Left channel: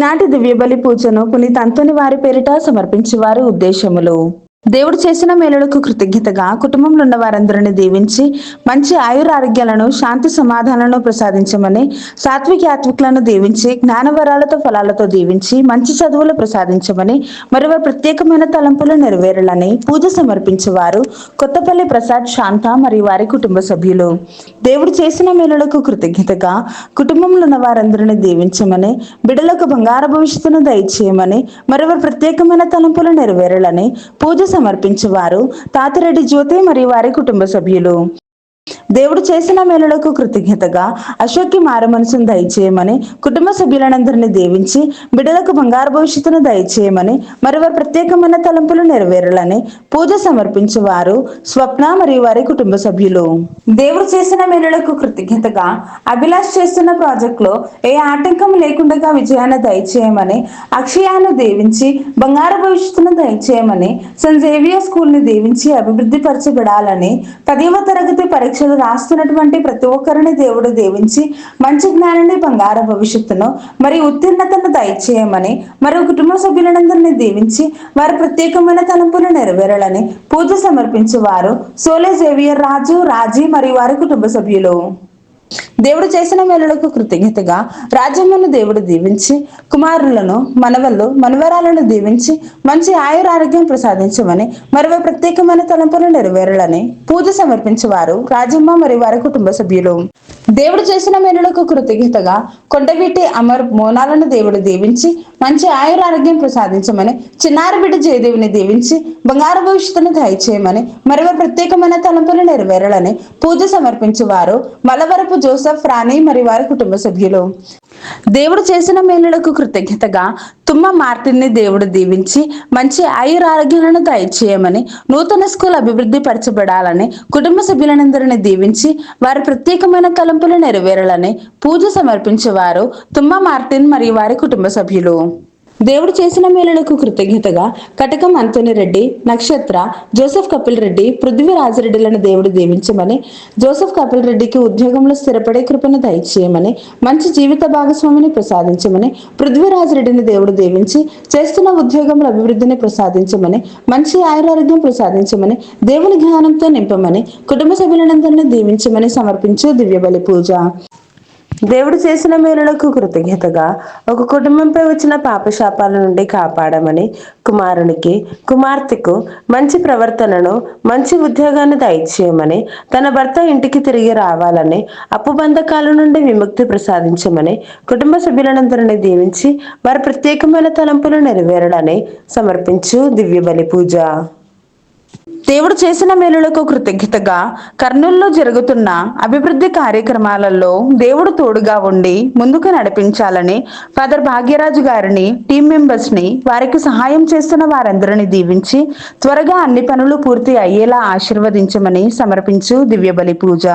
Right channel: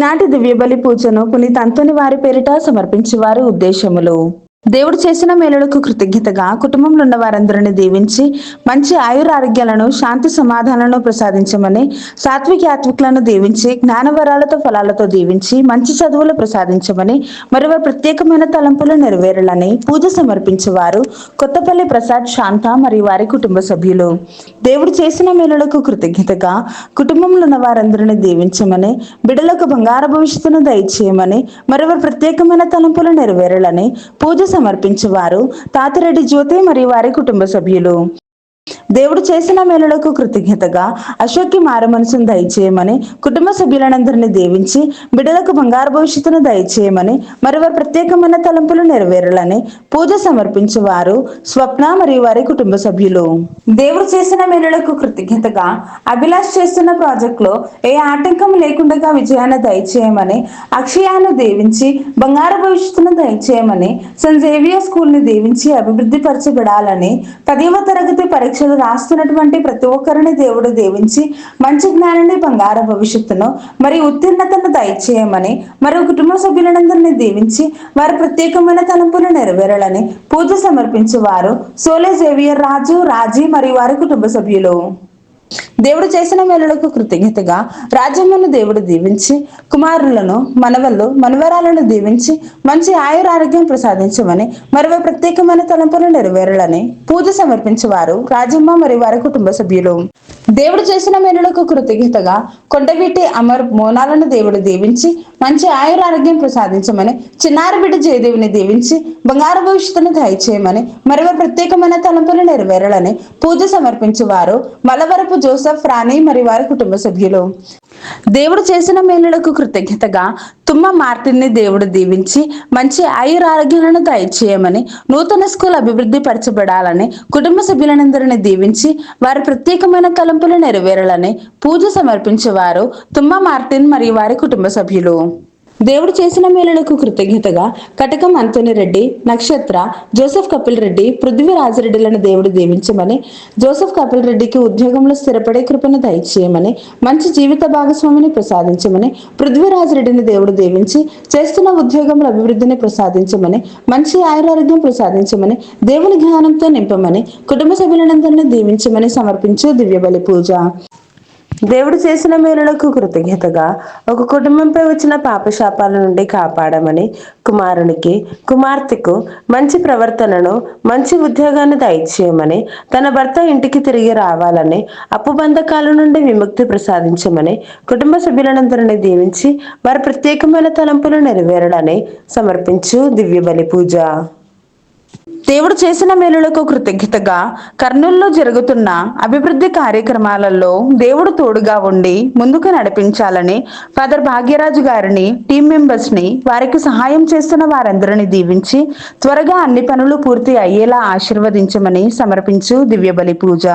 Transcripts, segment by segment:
ఈనాటి దివ్య బలి పూజను పునీత అంతోని వారి పేరిట సమర్పించేవారి ఉద్దేశములు. దేవుడు చేసిన మేలులకు కృతజ్ఞతగా కుటుంబంలో ఉన్న వారందరిని దీవించి మంచి ఆయురారోగ్యాలను శాంతి సమాధానాలను ప్రసాదించమని, సాత్విక యాత్వికులను దీవించి జ్ఞానవరాలతో ఫలాలతో దీవించి మంచి చదువులు ప్రసాదించమని, మరో ప్రత్యేకమైన తలంపులు నెరవేరాలని పూజ సమర్పించేవారు కొత్తపల్లి ప్రసాద్, శాంత మరియు వారి కుటుంబ సభ్యులు. దేవుడు చేసిన మేలులకు కృతజ్ఞతగా కుటుంబంలో ఉన్న వారందరిని దీవించమని, బిడ్డలకు బంగారు భవిష్యత్తును దయచేయమని, మరో ప్రత్యేకమైన తలంపులు నెరవేరాలని పూజ సమర్పించేవారు తాతిరెడ్డి జ్యోతి మరియు వారి కుటుంబ సభ్యులు. దేవుడు చేసిన మేలులకు కృతజ్ఞతగా అశోక్కి మారు మనసును దయచేయమని, కుటుంబ సభ్యులందరినీ దీవించి బిడ్డలకు బంగారు భవిష్యత్తును దయచేయమని, మరో ప్రత్యేకమైన తలంపులు నెరవేరాలని పూజ సమర్పించేవారు స్వప్న మరియు వారి కుటుంబ సభ్యులు. దేవుడు చేసిన మేలులకు కృతజ్ఞతగా అభిలాష్ చేస్తున్న ప్రాజెక్ట్ లో ఏ ఆటంకం లేకుండా విజయాన్ని దయచేయమని, అక్షయాన్ని దీవించి బంగారు భవిష్యత్తును దయచేయమని, సెయింట్ జేవియర్ స్కూల్ ని దీవించి అభివృద్ధి పరచబడాలని, 10వ తరగతి పరీక్షలు రాస్తున్నటువంటి ప్రతి ఒక్కరిని దేవుడు దీవించి మంచి జ్ఞానాన్ని, బంగారు భవిష్యత్తును మరియు ఉత్తీర్ణతను దయచేయమని, మరో కుటుంబ సభ్యులందరినీ దీవించి వారి ప్రత్యేకమైన తలంపులు నెరవేరాలని పూజ సమర్పించేవారు సోలే జేవియర్ రాజు, రాజీ మరియు వారి కుటుంబ సభ్యులు. దేవుడు చేసిన మేలులకు కృతజ్ఞతగా రాజ్యమును దేవుడు దీవించి కుమారులను, మనవళ్ళు, మనవరాలను దీవించి మంచి ఆయురారోగ్యం ప్రసాదించమని, మరో ప్రత్యేకమైన తలంపులు నెరవేరాలని పూజ సమర్పించేవారు రాజమ్మ మరియు వారి కుటుంబ సభ్యులు. దేవుడు చేసిన మేలులకు కృతజ్ఞతగా కొండవీటి అమర్ మోనాలను దేవుడు దీవించి మంచి ఆయురారోగ్యం ప్రసాదించమని, చిన్నారి బిడ్డ జయదేవిని దీవించి బంగారు భవిష్యత్తును దయచేయమని, మరో ప్రత్యేకమైన తలంపులు నెరవేరాలని పూజ సమర్పించేవారు మలవరపు జోసెఫ్, రాణి మరియు వారి కుటుంబ సభ్యులు. దేవుడు చేసిన మేలులకు కృతజ్ఞతగా తుమ్మ మార్టిన్ ని దేవుడు దీవించి మంచి ఆయురారోగ్యాలను దయచేయమని, నూతన స్కూల్ అభివృద్ధి పరచబడాలని కుటుంబ సభ్యులందరినీ దీవించి వారి ప్రత్యేకమైన తలంపులు నెరవేరాలని పూజ సమర్పించేవారు తుమ్మ మార్టిన్ మరియు వారి కుటుంబ సభ్యులు. దేవుడు చేసిన మేలులకు కృతజ్ఞతగా కటకం అంతోని రెడ్డి, నక్షత్ర, జోసెఫ్ కపిల్ రెడ్డి, పృథ్వీరాజరెడ్డిలను దేవుడు దీవించమని, జోసెఫ్ కపిల్ రెడ్డికి ఉద్యోగంలో స్థిరపడే కృపను దయచేయమని, మంచి జీవిత భాగస్వామిని ప్రసాదించమని, పృథ్వీరాజరెడ్డిని దేవుడు దీవించి చేస్తున్న ఉద్యోగంలో అభివృద్ధిని ప్రసాదించమని, మంచి ఆయురారోగ్యం ప్రసాదించమని, దేవుని జ్ఞానంతో నింపమని, కుటుంబ సభ్యులందరినీ దీవించమని సమర్పించు దివ్య బలి పూజ. దేవుడు చేసిన మేలులకు కృతజ్ఞతగా ఒక కుటుంబంపై వచ్చిన పాపశాపాల నుండి కాపాడమని, కుమారునికి, కుమార్తెకు మంచి ప్రవర్తనను, మంచి ఉద్యోగాన్ని దయచేయమని, తన భర్త ఇంటికి తిరిగి రావాలని, అప్పు బంధకాల నుండి విముక్తి ప్రసాదించమని, కుటుంబ సభ్యులందరినీ దీవించి వారి ప్రత్యేకమైన తలంపులు నెరవేరాలని సమర్పించు దివ్య బలి పూజ. దేవుడు చేసిన మేలులకు కృతజ్ఞతగా కర్నూలులో జరుగుతున్న అభివృద్ధి కార్యక్రమాలలో దేవుడు తోడుగా ఉండి ముందుకు నడిపించాలని ఫాదర్ భాగ్యరాజు గారిని, టీం మెంబర్స్ ని, వారికి సహాయం చేస్తున్న వారందరినీ దీవించి త్వరగా అన్ని పనులు పూర్తి అయ్యేలా ఆశీర్వదించమని సమర్పించు దివ్య బలి పూజ.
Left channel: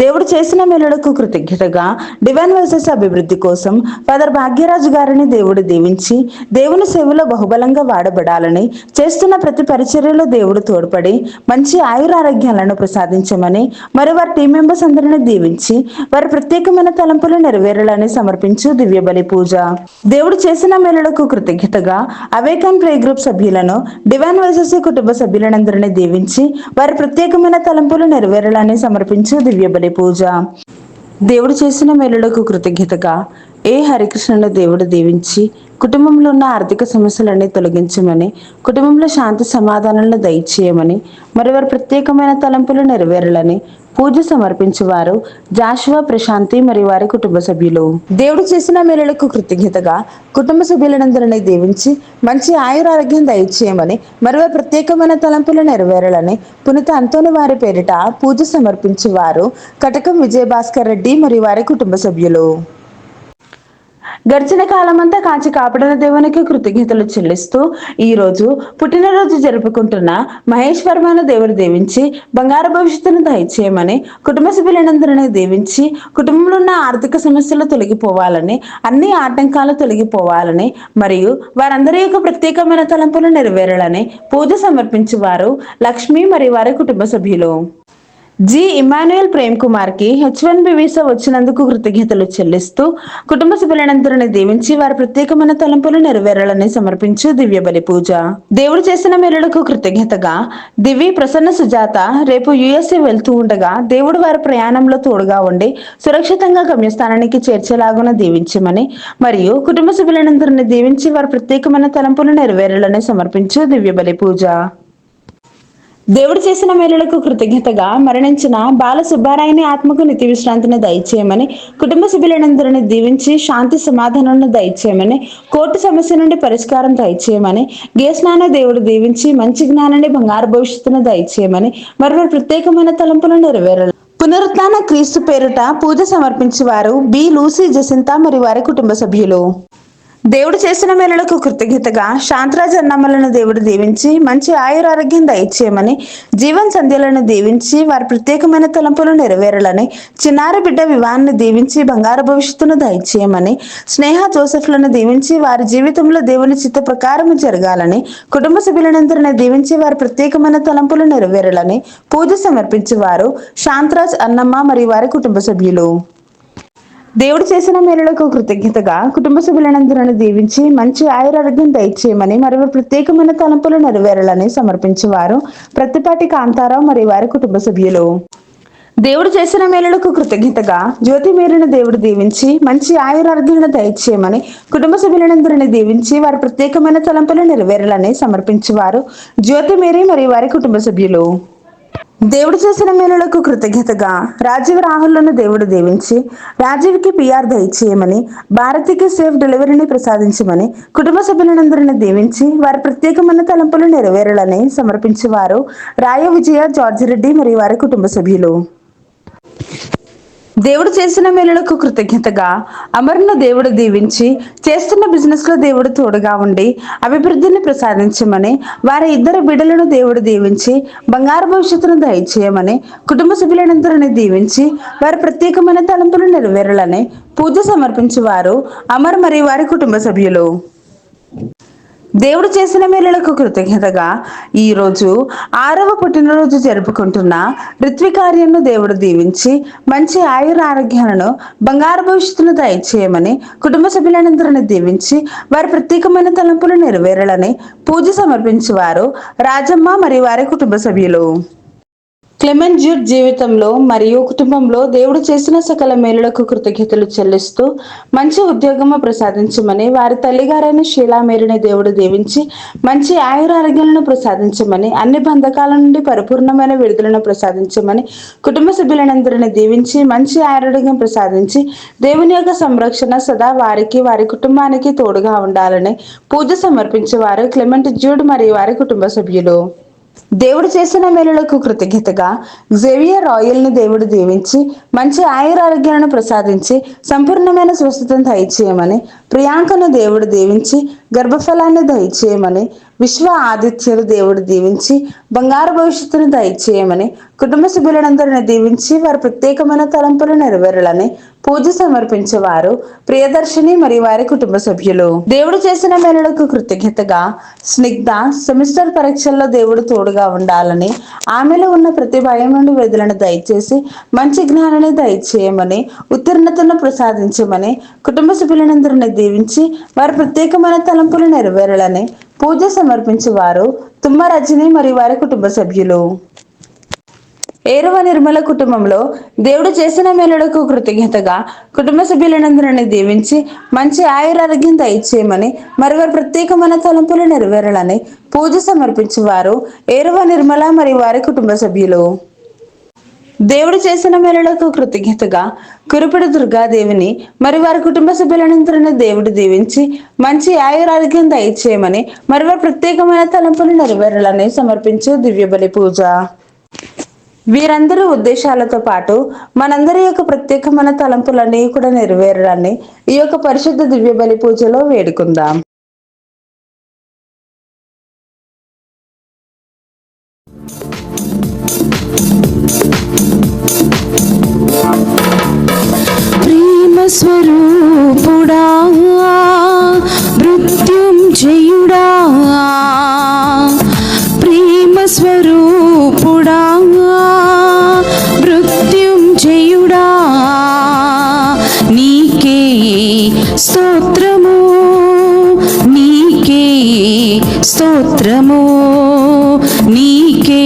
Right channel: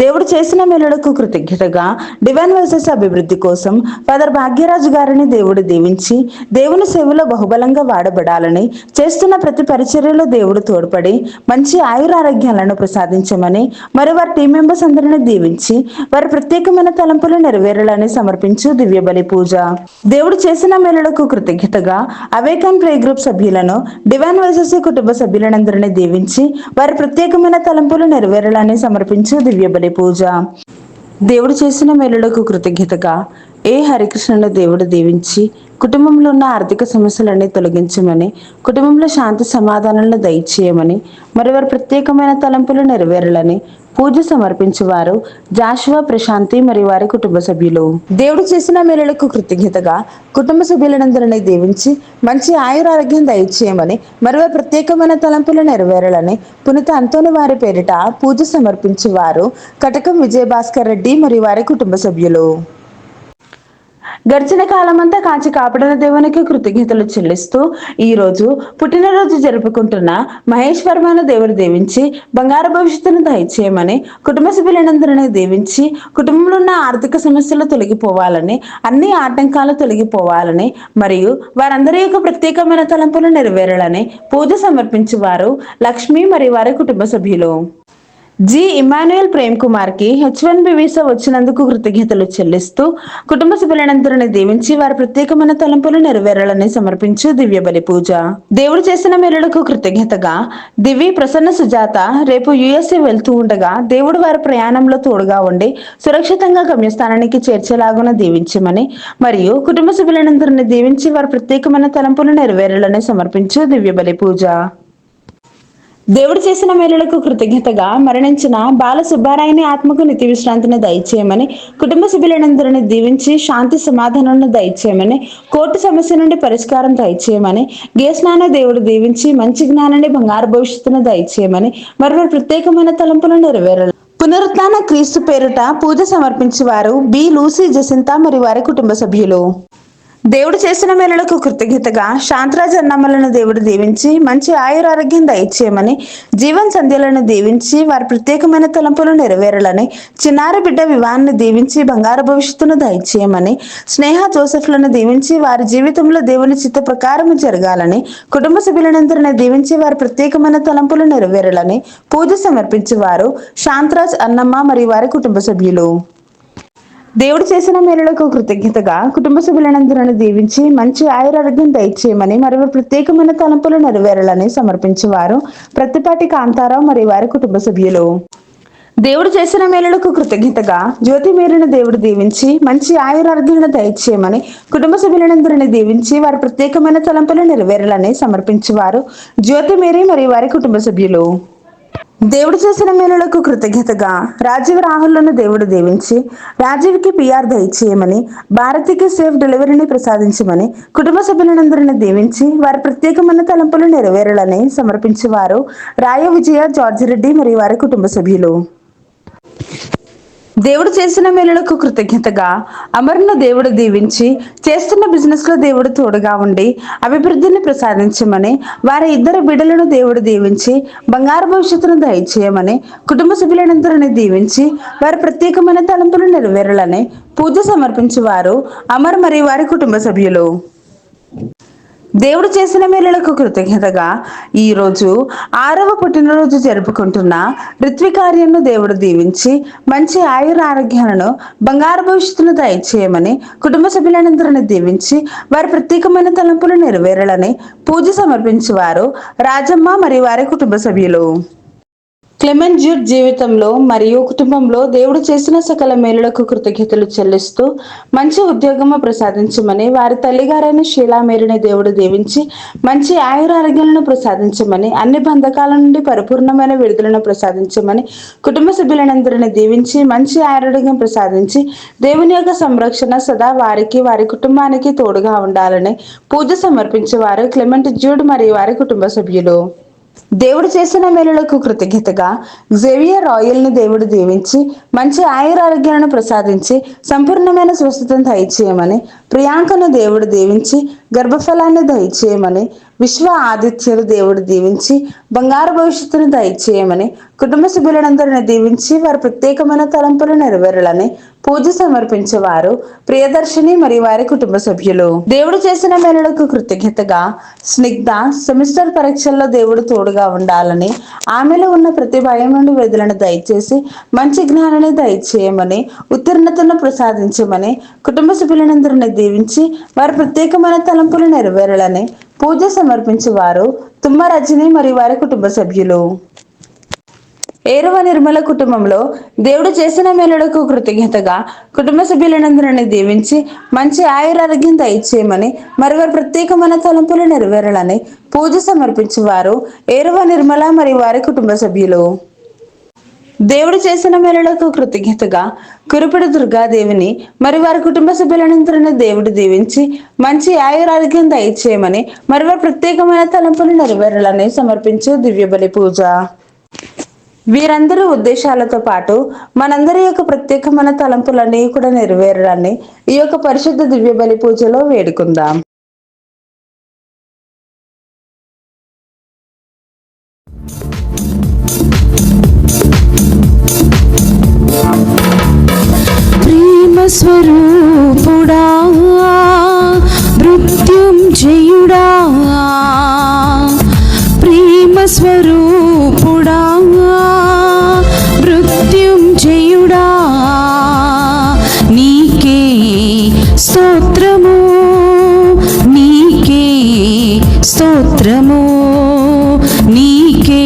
దేవుడు చేసిన మేలులకు కృతజ్ఞతగా డివైన్ వాయిసెస్ అభివృద్ధి కోసం ఫాదర్ భాగ్యరాజు గారిని దేవుడు దీవించి దేవుని సేవలో బహుబలంగా వాడబడాలని, చేస్తున్న ప్రతి పరిచర్యలో దేవుడు తోడ్పడి మంచి ఆయురారోగ్యాలను ప్రసాదించమని, మరి వారి టీం మెంబర్స్ అందరినీ దీవించి వారి ప్రత్యేకమైన తలంపులు నెరవేరాలని సమర్పించు దివ్య బలి పూజ. దేవుడు చేసిన మేలులకు కృతజ్ఞతగా అవేకన్ ప్రే గ్రూప్ సభ్యులను, డివైన్ వాయిసెస్ కుటుంబ సభ్యులందరినీ దీవించి వారి ప్రత్యేకమైన తలంపులు నెరవేరాలని సమర్పించు దివ్య బలి పూజ. దేవుడు చేసిన మేలులకు కృతజ్ఞతగా ఏ హరికృష్ణను దేవుడు దీవించి కుటుంబంలో ఉన్న ఆర్థిక సమస్యలన్నీ తొలగించమని, కుటుంబంలో శాంతి సమాధానాలను దయచేయమని, మరి వారి ప్రత్యేకమైన తలంపులు నెరవేరాలని పూజ సమర్పించేవారు జాషువా, ప్రశాంతి మరియు వారి కుటుంబ సభ్యులు. దేవుడు చేసిన మేలులకు కృతజ్ఞతగా కుటుంబ సభ్యులందరినీ దీవించి మంచి ఆయురారోగ్యం దయచేయమని, మరో ప్రత్యేకమైన తలంపులు నెరవేరాలని పునీత అంతోని వారి పేరిట పూజ సమర్పించేవారు కటకం విజయభాస్కర్ రెడ్డి మరియు వారి కుటుంబ సభ్యులు. గడిచిన కాలమంతా కాచి కాపాడిన దేవునికి కృతజ్ఞతలు చెల్లిస్తూ ఈ రోజు పుట్టినరోజు జరుపుకుంటున్న మహేష్ వర్మను దేవుడు దీవించి బంగారు భవిష్యత్తును దయచేయమని, కుటుంబ సభ్యులందరినీ దీవించి కుటుంబంలో ఉన్న ఆర్థిక సమస్యలు తొలగిపోవాలని, అన్ని ఆటంకాలు తొలగిపోవాలని మరియు వారందరి యొక్క ప్రత్యేకమైన తలంపులు నెరవేరాలని పూజ సమర్పించేవారు లక్ష్మి మరియు వారి కుటుంబ సభ్యులు. జి ఇమాన్యుయల్ ప్రేమ్ కుమార్ కి H1B వీసా వచ్చినందుకు కృతజ్ఞతలు చెల్లిస్తూ కుటుంబ సభ్యులందరినీ దీవించి వారి ప్రత్యేకమైన తలంపులు నెరవేరాలని సమర్పించు దివ్య బలి పూజ. దేవుడు చేసిన మేలులకు కృతజ్ఞతగా దివి ప్రసన్న సుజాత రేపు USA వెళ్తూ ఉండగా దేవుడు వారి ప్రయాణంలో తోడుగా ఉండి సురక్షితంగా గమ్యస్థానానికి చేర్చేలాగున దీవించమని మరియు కుటుంబ సభ్యులందరినీ దీవించి వారి ప్రత్యేకమైన తలంపులు నెరవేరాలని సమర్పించు దివ్య బలి పూజ. దేవుడు చేసిన మేలులకు కృతజ్ఞతగా మరణించిన బాల సుబ్బారాయని ఆత్మకు నిత్య విశ్రాంతిని దయచేయమని కుటుంబ సభ్యులందరినీ దీవించి శాంతి సమాధానాలను దయచేయమని కోర్టు సమస్య నుండి పరిష్కారం దయచేయమని గేస్నాన దేవుడు దీవించి మంచి జ్ఞానాన్ని బంగారు భవిష్యత్తును దయచేయమని మరో ప్రత్యేకమైన తలంపులు నెరవేరాలి. పునరుత్థాన క్రీస్తు పేరుట పూజ సమర్పించి వారు బి లూసీ జసింత మరియు వారి కుటుంబ సభ్యులు. దేవుడు చేసిన మేలులకు కృతజ్ఞతగా శాంతరాజ్ అన్నమ్మలను దేవుడు దీవించి మంచి ఆయురారోగ్యం దయచేయమని జీవన్ సంధ్యలను దీవించి వారి ప్రత్యేకమైన తలంపులు నెరవేరాలని చిన్నారి బిడ్డ వివాహాన్ని దీవించి బంగారు భవిష్యత్తును దయచేయమని స్నేహ జోసెఫ్లను దీవించి వారి జీవితంలో దేవుని చిత్త ప్రకారం జరగాలని కుటుంబ సభ్యులందరినీ దీవించి వారి ప్రత్యేకమైన తలంపులు నెరవేరాలని పూజ సమర్పించేవారు శాంతరాజ్ అన్నమ్మ మరియు వారి కుటుంబ సభ్యులు. దేవుడు చేసిన మేలులకు కృతజ్ఞతగా కుటుంబ సభ్యులందరినీ దీవించి మంచి ఆయురారోగ్యం దయచేయమని మరియు ప్రత్యేకమైన తలంపులు నెరవేరాలని సమర్పించేవారు ప్రత్తిపాటి కాంతారావు మరియు వారి కుటుంబ సభ్యులు. దేవుడు చేసిన మేలులకు కృతజ్ఞతగా జ్యోతి మేరిన దేవుడు దీవించి మంచి ఆయురారోగ్యాలను దయచేయమని కుటుంబ సభ్యులందరినీ దీవించి వారి ప్రత్యేకమైన తలంపులు నెరవేరాలని సమర్పించేవారు జ్యోతి మేరీ మరియు వారి కుటుంబ సభ్యులు. దేవుడు చేసిన మేలులకు కృతజ్ఞతగా రాజీవ్ రాహుల్ను దేవుడు దీవించి రాజీవ్కి PR దయచేయమని భారతికి సేఫ్ డెలివరీని ప్రసాదించమని కుటుంబ సభ్యులందరినీ దీవించి వారి ప్రత్యేకమైన తలంపులు నెరవేరాలని సమర్పించేవారు రాయ విజయ జార్జి రెడ్డి మరియు వారి కుటుంబ సభ్యులు. దేవుడు చేసిన మేలులకు కృతజ్ఞతగా అమర్ను దేవుడు దీవించి చేస్తున్న బిజినెస్ లో దేవుడు తోడుగా ఉండి అభివృద్ధిని ప్రసాదించమని వారి ఇద్దరు బిడ్డలను దేవుడు దీవించి బంగారు భవిష్యత్తును దయచేయమని కుటుంబ సభ్యులందరినీ దీవించి వారి ప్రత్యేకమైన తలంపులు నెరవేరాలని పూజ సమర్పించేవారు అమర్ మరియు వారి కుటుంబ సభ్యులు. దేవుడు చేసిన మేలులకు కృతజ్ఞతగా ఈరోజు 6వ పుట్టినరోజు జరుపుకుంటున్న ఋత్వికార్యను దేవుడు దీవించి మంచి ఆయురారోగ్యాలను బంగారు భవిష్యత్తును దయచేయమని కుటుంబ సభ్యులందరినీ దీవించి వారి ప్రత్యేకమైన తలంపులు నెరవేరాలని పూజ సమర్పించేవారు రాజమ్మ మరియు వారి కుటుంబ సభ్యులు. క్లెమెంట్ జ్యూడ్ జీవితంలో మరియు కుటుంబంలో దేవుడు చేసిన సకల మేలులకు కృతజ్ఞతలు చెల్లిస్తూ మంచి ఉద్యోగము ప్రసాదించమని వారి తల్లిగారైన షీలా మేరీని దేవుడు దీవించి మంచి ఆయురారోగ్యాలను ప్రసాదించమని అన్ని బంధకాల నుండి పరిపూర్ణమైన విడుదలను ప్రసాదించమని కుటుంబ సభ్యులందరినీ దీవించి మంచి ఆరోగ్యం ప్రసాదించి దేవుని యొక్క సంరక్షణ సదా వారికి వారి కుటుంబానికి తోడుగా ఉండాలని పూజ సమర్పించేవారు క్లెమెంట్ జ్యూడ్ మరియు వారి కుటుంబ సభ్యులు. దేవుడు చేసిన మేలులకు కృతజ్ఞతగా జేవియర్ రాయల్ ని దేవుడు దీవించి మంచి ఆయురారోగ్యాలను ప్రసాదించి సంపూర్ణమైన స్వస్థతను దయచేయమని ప్రియాంకను దేవుడు దీవించి గర్భఫలాన్ని దయచేయమని విశ్వ ఆదిత్యులు దేవుడు దీవించి బంగారు భవిష్యత్తును దయచేయమని కుటుంబ సభ్యులందరినీ దీవించి వారి ప్రత్యేకమైన తలంపులు నెరవేరాలని పూజ సమర్పించేవారు ప్రియదర్శిని మరియు వారి కుటుంబ సభ్యులు. దేవుడు చేసిన మేలులకు కృతజ్ఞతగా స్నిగ్ధ సెమిస్టర్ పరీక్షల్లో దేవుడు తోడుగా ఉండాలని ఆమెలో ఉన్న ప్రతి భయం నుండి విడుదలను దయచేసి మంచి జ్ఞానాన్ని దయచేయమని ఉత్తీర్ణతను ప్రసాదించమని కుటుంబ సభ్యులందరినీ దీవించి వారి ప్రత్యేకమైన తలంపులు నెరవేరాలని పూజ సమర్పించేవారు తుమ్మ రజని మరియు వారి కుటుంబ సభ్యులు. ఏరవ నిర్మల కుటుంబంలో దేవుడు చేసిన మేలులకు కృతజ్ఞతగా కుటుంబ సభ్యులందరినీ దీవించి మంచి ఆయురారోగ్యం దయచేయమని మరి వారి ప్రత్యేకమైన తలంపులు నెరవేరాలని పూజ సమర్పించేవారు ఏరవ నిర్మల మరియు వారి కుటుంబ సభ్యులు. దేవుడు చేసిన మేలులకు కృతజ్ఞతగా కురుపిడి దుర్గాదేవిని మరి వారి కుటుంబ సభ్యులందరినీ దేవుడు దీవించి మంచి ఆయురారోగ్యం దయచేయమని మరి వారి ప్రత్యేకమైన తలంపులు నెరవేరాలని సమర్పించు దివ్య బలి పూజ. వీరందరి ఉద్దేశాలతో పాటు మనందరి యొక్క ప్రత్యేకమైన తలంపులన్నీ కూడా నెరవేరాలని ఈ యొక్క పరిశుద్ధ దివ్య బలి పూజలో వేడుకుందాం. ప్రేమ స్వరూపుడా మృత్యుంజయుడా ప్రేమ స్వరూపుడా స్తోత్రము నీకే,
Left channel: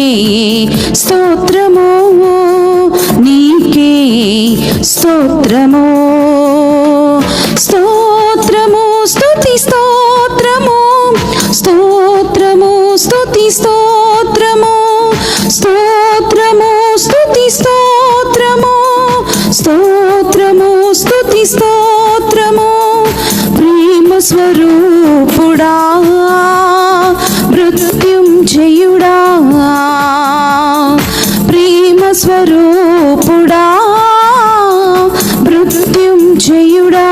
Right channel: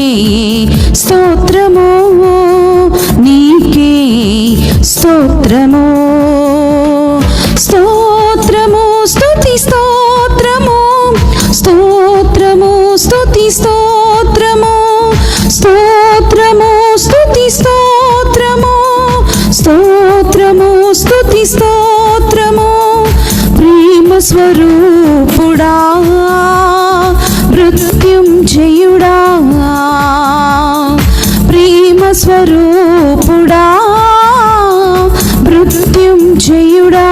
స్తోత్రము నీకే, స్తోత్రము స్తోత్రము స్తుతి స్తోత్రము స్తోత్రము స్తుతి స్తోత్రము స్తోత్రము స్తుతి స్తోత్రము స్తోత్రము స్తుతి స్తోత్రము ప్రేమ స్వరూపుడా మృత్యుంజయుడా ప్రేమ స్వరూపుడా మృత్యుంజయుడా.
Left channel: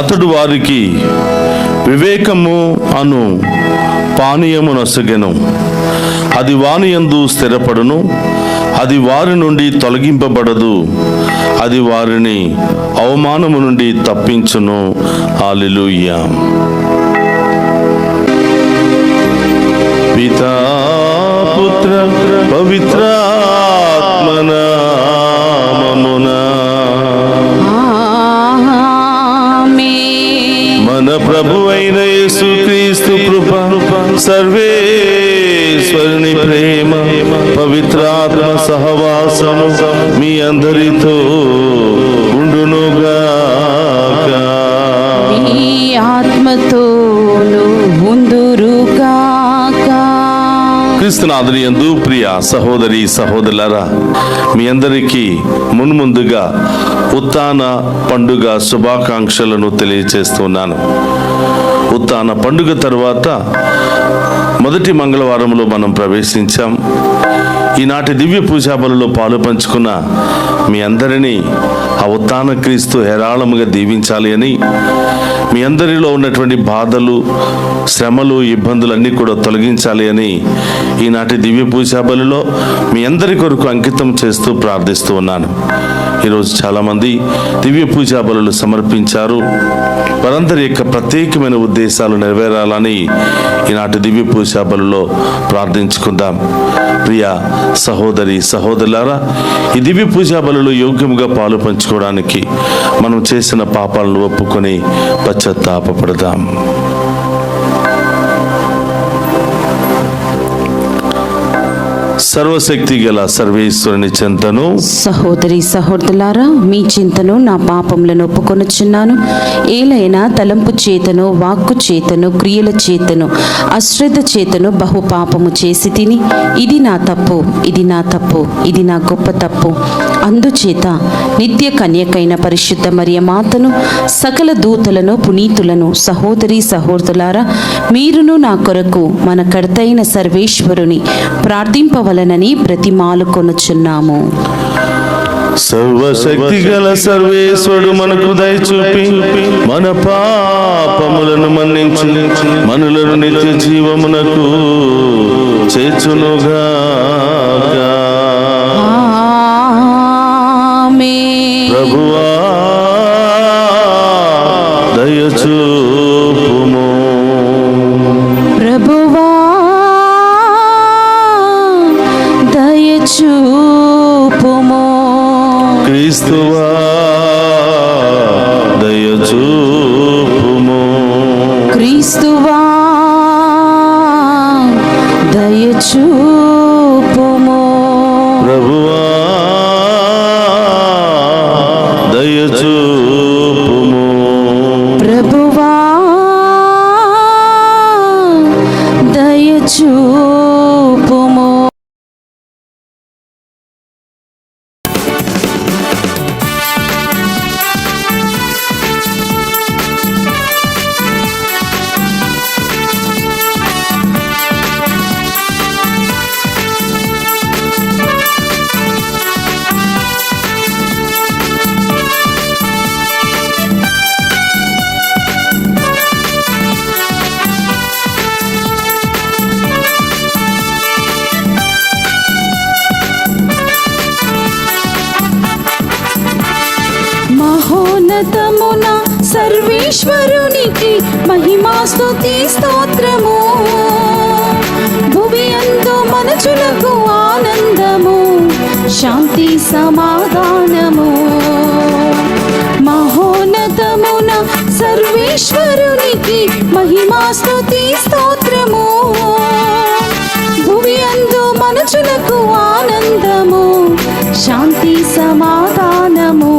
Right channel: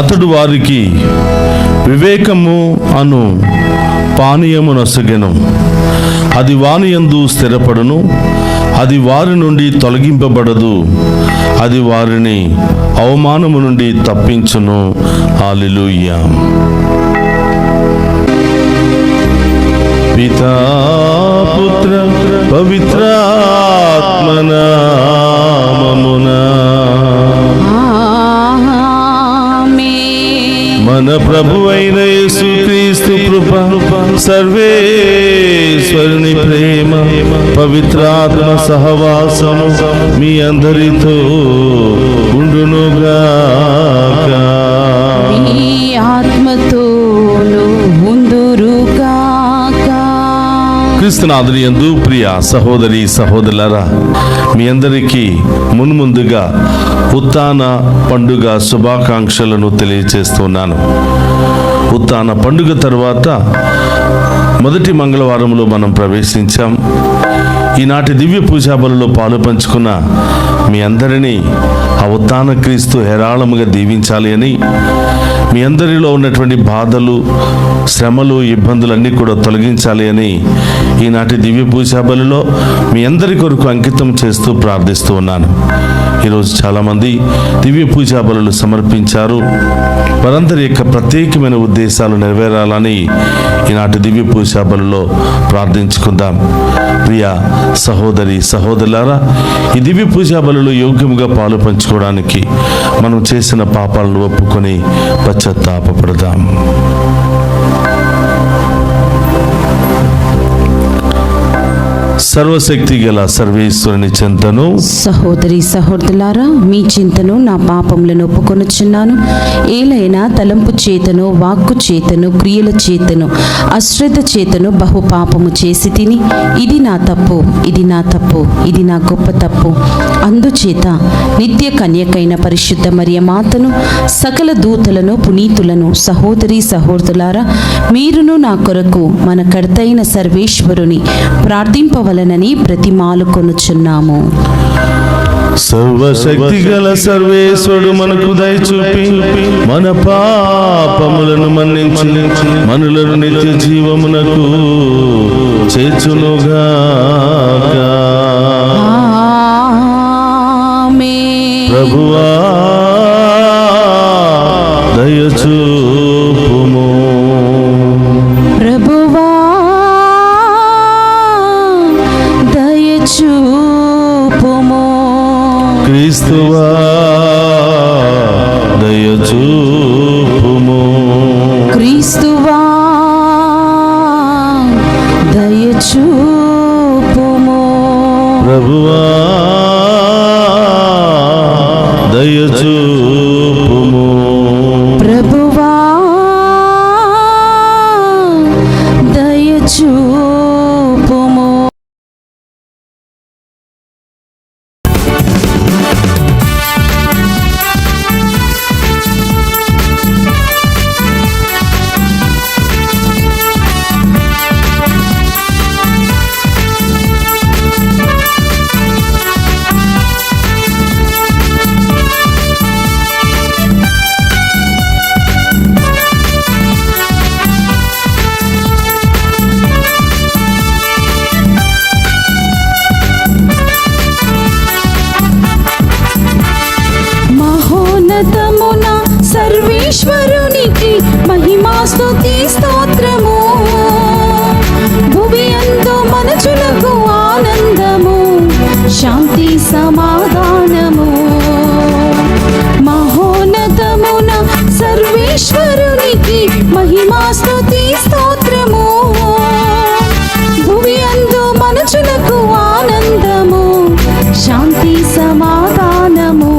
అతడు వారికి వివేకము అను పానీయము నొసగెను. అది వాని యందు స్థిరపడును, అది వారి నుండి తొలగింపబడదు, అది వారిని అవమానము నుండి తప్పించును. హల్లెలూయా. పితా పుత్ర పవిత్రాత్మ నామమున మన ప్రభు అయిన యేసుక్రీస్తు కృప, సర్వేశ్వరుని ప్రేమ, పవిత్రాత్మ సహవాసము మీ అందరితో ఉండునుగాక. మీ ఆత్మతోను ఉందురుగాక. క్రీస్తునాథుని యందు ప్రియ సహోదరి సహోదరులారా, మీ అందరికీ మున్ముందుగా ఉత్థాన పండుగ శుభాకాంక్షలను తెలియజేస్తున్నాను. ఉత్థాన పండుగ తర్వాత మొదటి మంగళవారంలో మనం ప్రవేశించాం. ఈనాటి దివ్య పూజా బలులో పాలు పంచుకున్న మీ అందరినీ ఆ ఉత్థాన క్రీస్తు హేరాళముగా దీవించాలి అని, మీ అందరిలో ఉన్నటువంటి బాధలు, శ్రమలు, ఇబ్బందులన్నీ కూడా తొలగించాలి అని ఈనాటి దివ్య పూజా బలులో మీ అందరి కొరకు అంకితం చేస్తూ ప్రార్థిస్తూ ఉన్నాను. ఈరోజు చాలామంది దివ్య పూజా బలులు సమర్పించారు. వారందరి యొక్క ప్రత్యేకమైన ఉద్దేశాలు నెరవేరాలని ఈనాటి దివ్య పూజా బలులో ప్రార్థించుకుందాం. ప్రియ సహోదరి సహోదరులారా, ఈ దివ్య పూజా బలులో యోగ్యముగా పాలు పంచుకోవడానికి మనం చేసిన పాపాలను ఒప్పుకొని పశ్చాత్తాపపడదాం. సర్వశక్తి గల సర్వేశ్వరుని చింతను, సహోదరి సహోదరులారా, మీ చింతను నా పాపములను ఒప్పుకొనుచున్నాను. ఏలైనా తలంపు చేతను, వాక్కు చేతను, క్రియల చేతను, అశ్రద్ధ చేతను బహు పాపము చేసి తిని, ఇది నా తప్పు, ఇది నా తప్పు, ఇది నా గొప్ప తప్పు. అందుచేత నిత్య కన్యకైన పరిశుద్ధ మరియ మాతను, సకల దూతలను, పునీతులను, సహోదరి సహోదరులారా, మీరును నా కొరకు మన కర్తైన సర్వేశ్వరుని ప్రార్థింపవలనని బ్రతిమాలుకొనుచున్నాము. సర్వశక్తి గల సర్వేశ్వరుడు మనకు దయచూపి మన పాపములను మన్నించి మనులను నిత్య జీవమునకు చేర్చునుగాక. ప్రభువా దయచూపుము. ప్రభువా దయచూపుము. క్రీస్తువా దయచూపుము. క్రీస్తువా దయచూపుము. ప్రభువా దయచూపుము. ప్రభువా దయచూపుము. మహోన్నతమున సర్వేశ్వరునికి మహిమా స్తుతి స్తోత్రము. భువి అందు మనుషులకు ఆనందము, శాంతి సమాధానము. మహోన్నతమున సర్వేశ్వరునికి మహిమా స్తుతి స్తోత్రము. భువి అందు మనుషులకు ఆనందము, శాంతి సమాధానము.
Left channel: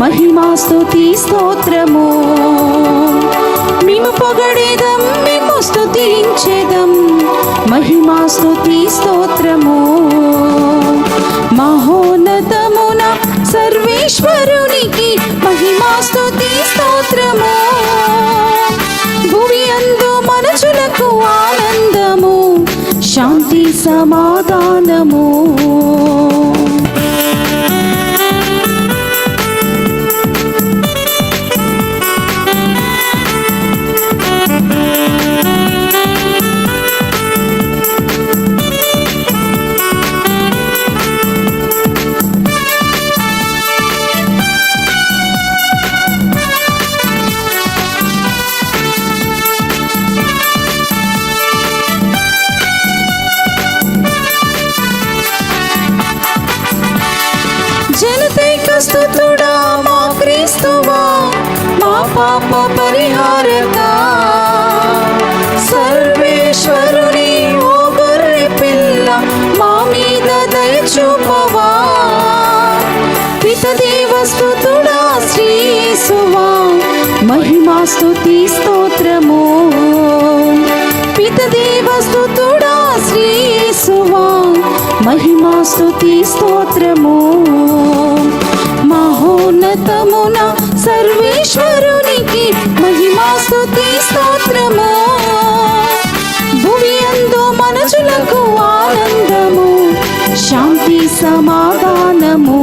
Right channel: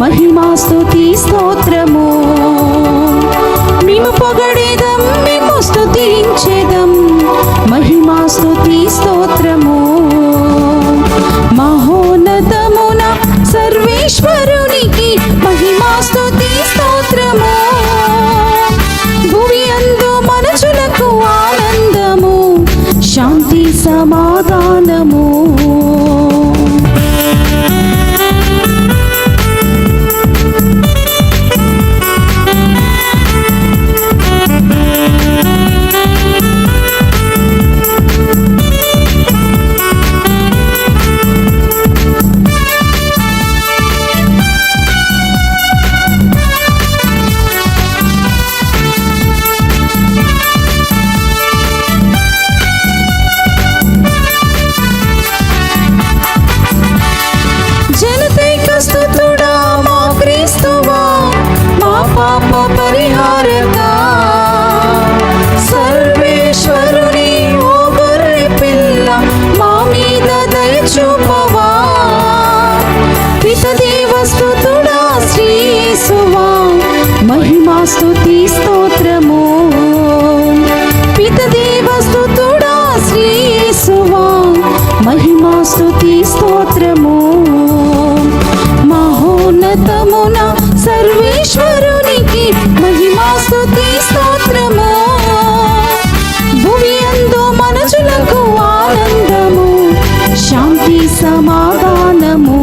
మహిమా స్తుతి స్తోత్రము. మేము పొగడేదం, మేము స్తుతించేదం. మహిమా స్తుతి స్తోత్రము. మహోన్నతమున సర్వేశ్వరునికి మహిమా స్తుతి స్తోత్రము. భువి అందు మనుషులకు ఆనందము, శాంతి సమాధానము. స్తుతుడా మా క్రీస్తువా, మా పాప పరిహారక. సర్వేశ్వరుని ఓ గొర్రె పిల్ల, మా మీద దయ చూపవా. పితదేవ స్తుతుడా శ్రీ యేసువా, మహిమా స్తుతి స్తోత్రము. పితదేవ స్తుతుడా శ్రీ యేసువా, మహిమా స్తుతి స్తోత్రము. మహోన్నతమున సర్వేశ్వరునికి మహిమా స్తుతి స్తోత్రము. భువి అందు మనుషులకు ఆనందము, శాంతి సమాధానము.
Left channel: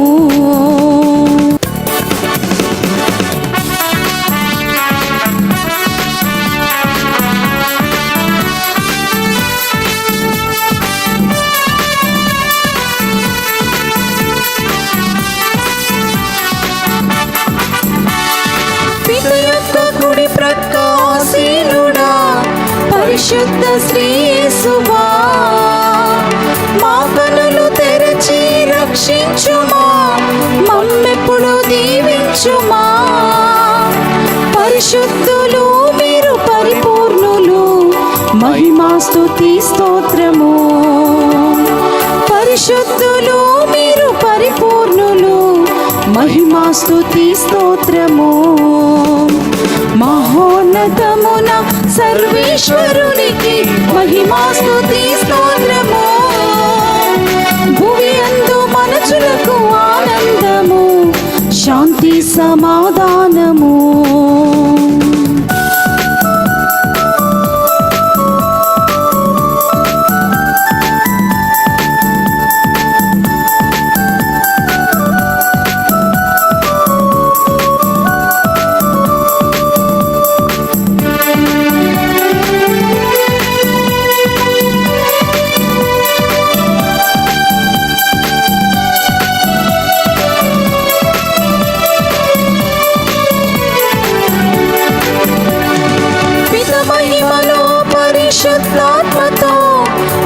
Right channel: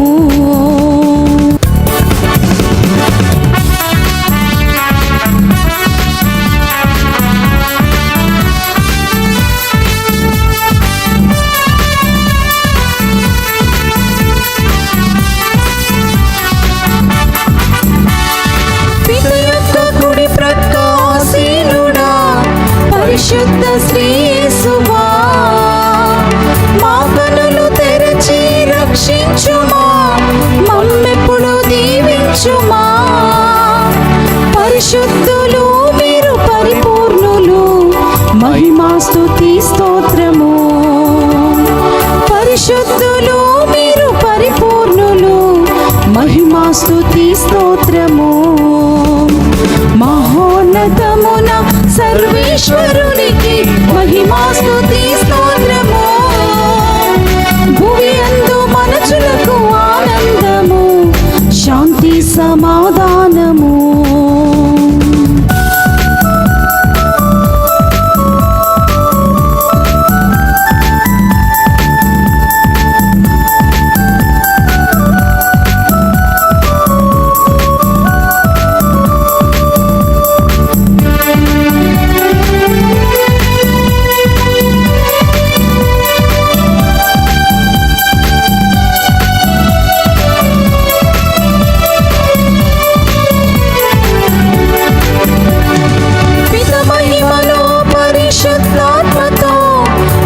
పరిశుద్ధ శ్రీ యేసువా, మా కనులు తెరచి రక్షించుమా, మమ్మెప్పుడు దీవించుమా. పరిశుద్ధులు మీరు పరిపూర్ణులు, మహిమా స్తుతి స్తోత్రము. పరిశుద్ధులు మీరు పరిపూర్ణులు, మహిమా స్తుతి స్తోత్రము. మహోన్నతమున సర్వేశ్వరునికి మహిమా స్తుతి స్తోత్రము. భువి అందు మనుషులకు ఆనందము, శాంతి సమాధానము.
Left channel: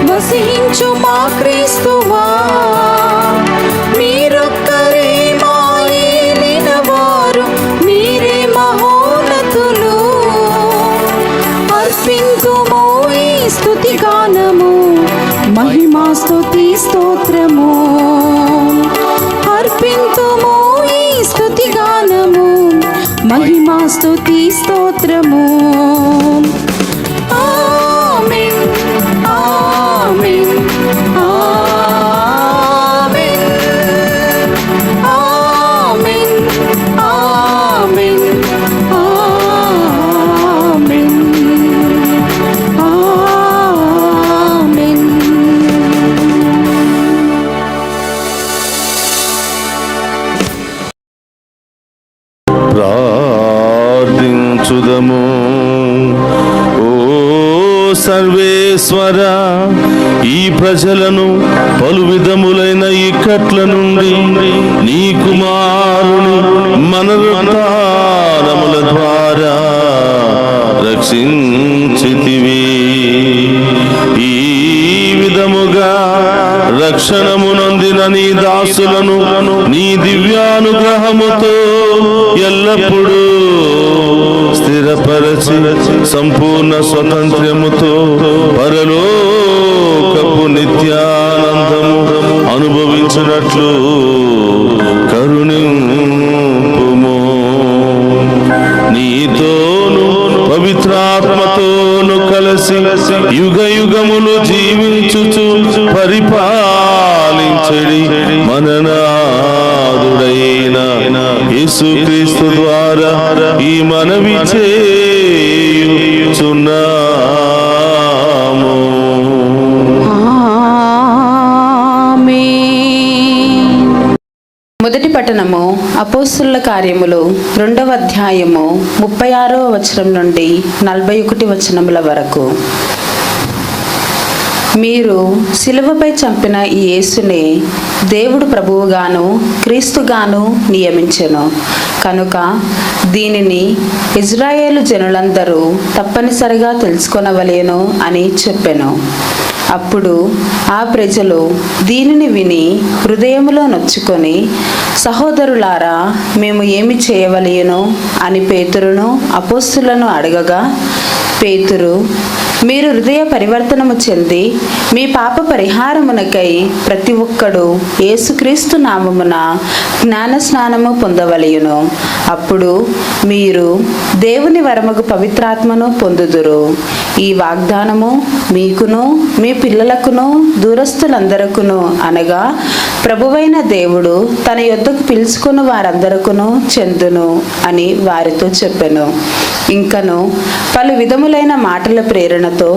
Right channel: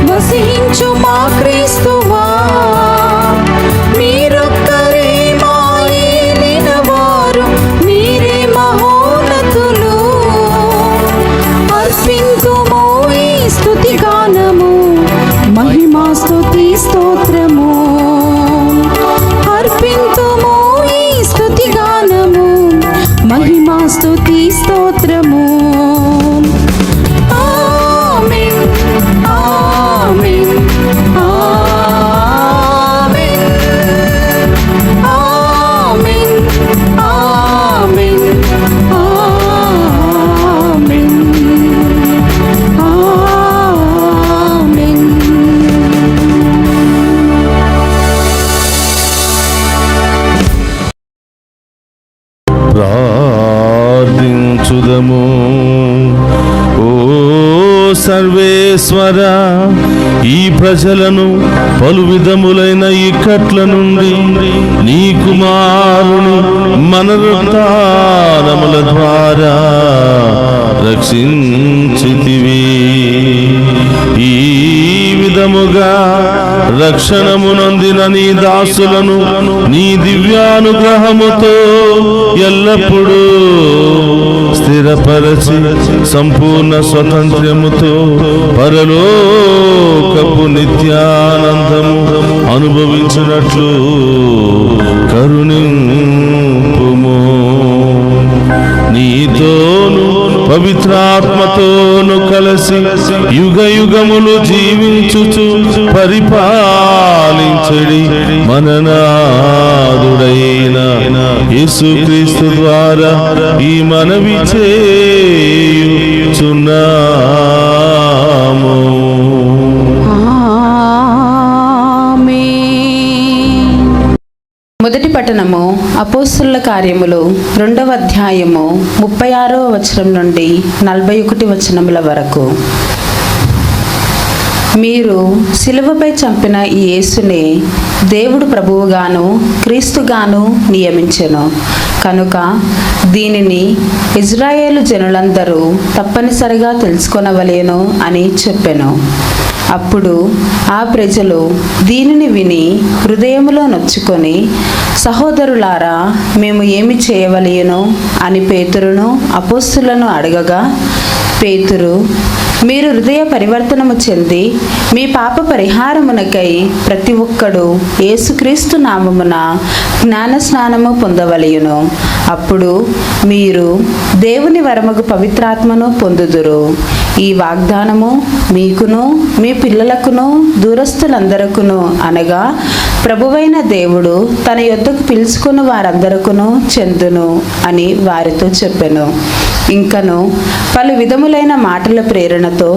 వసించు మా క్రీస్తువా, మీరొక్కరే మా ఏలినవారు, మీరే మహోన్నతులు. అర్పింతుము ఈ స్తుతి గానము, మహిమా స్తుతి స్తోత్రము. అర్పింతుము ఈ స్తుతి గానము, మహిమా స్తుతి స్తోత్రము. ఆమేన్. ఓ సర్వేశ్వర, ఈ ప్రజలను పలు విధములైన ఇక్కట్ల నుండి నీ కుమారుని మనరుద్ధారముల ద్వారా రక్షించితివి. ఈ విధముగా రక్షణమునొందిన నీ దాసులను నీ దివ్యానుగ్రహముతో ఎల్లప్పుడూ స్థిరపరచి సంపూర్ణ స్వతంత్రముతో పరలోకపు నిత్యానందము అనుభవించినట్లు కరుణింపుము. నీతోను పవిత్రాత్మతోను కలిసి యుగ యుగములు జీవించుచు పరిపాలించడి మననాదుడైన యేసుక్రీస్తు ద్వారా ఈ మనవి చేయుచున్నాము. మొదటి పట్టణము అపోస్తుల కార్యములు 2వ అధ్యాయము 36వ వచనం నుండి 41 వచనముల వరకు. మీరు శిలువపై చంపిన ఈ యేసునే దేవుడు ప్రభువుగాను క్రీస్తుగాను నియమించెను కనుక దీనిని ఇజ్రాయేలు జనులందరూ తప్పనిసరిగా తెలుసుకొనవలెను అని చెప్పెను. అప్పుడు ఆ ప్రజలు దీనిని విని హృదయములో నొచ్చుకొని, సహోదరులారా, మేము ఏమి చేయవలెను అని పేతురును అపోస్తులను అడగగా, పేతురు, మీరు హృదయ పరివర్తనము చెంది మీ పాప పరిహారమునకై ప్రతి ఒక్కడు యేసుక్రీస్తు నామమున జ్ఞాన స్నానము పొందవలెను. అప్పుడు మీరు దేవుని వరముగు పవిత్రాత్మను పొందుదురు. ఈ వాగ్దానము మీకును మీ పిల్లలకును దూరస్తులందరకును అనగా ప్రభువైన దేవుడు తన యొద్దకు పిలుచుకుని వారందరకును చెందును అని వారితో చెప్పెను. ఇంకను పలు విధములైన మాటల ప్రేరణతో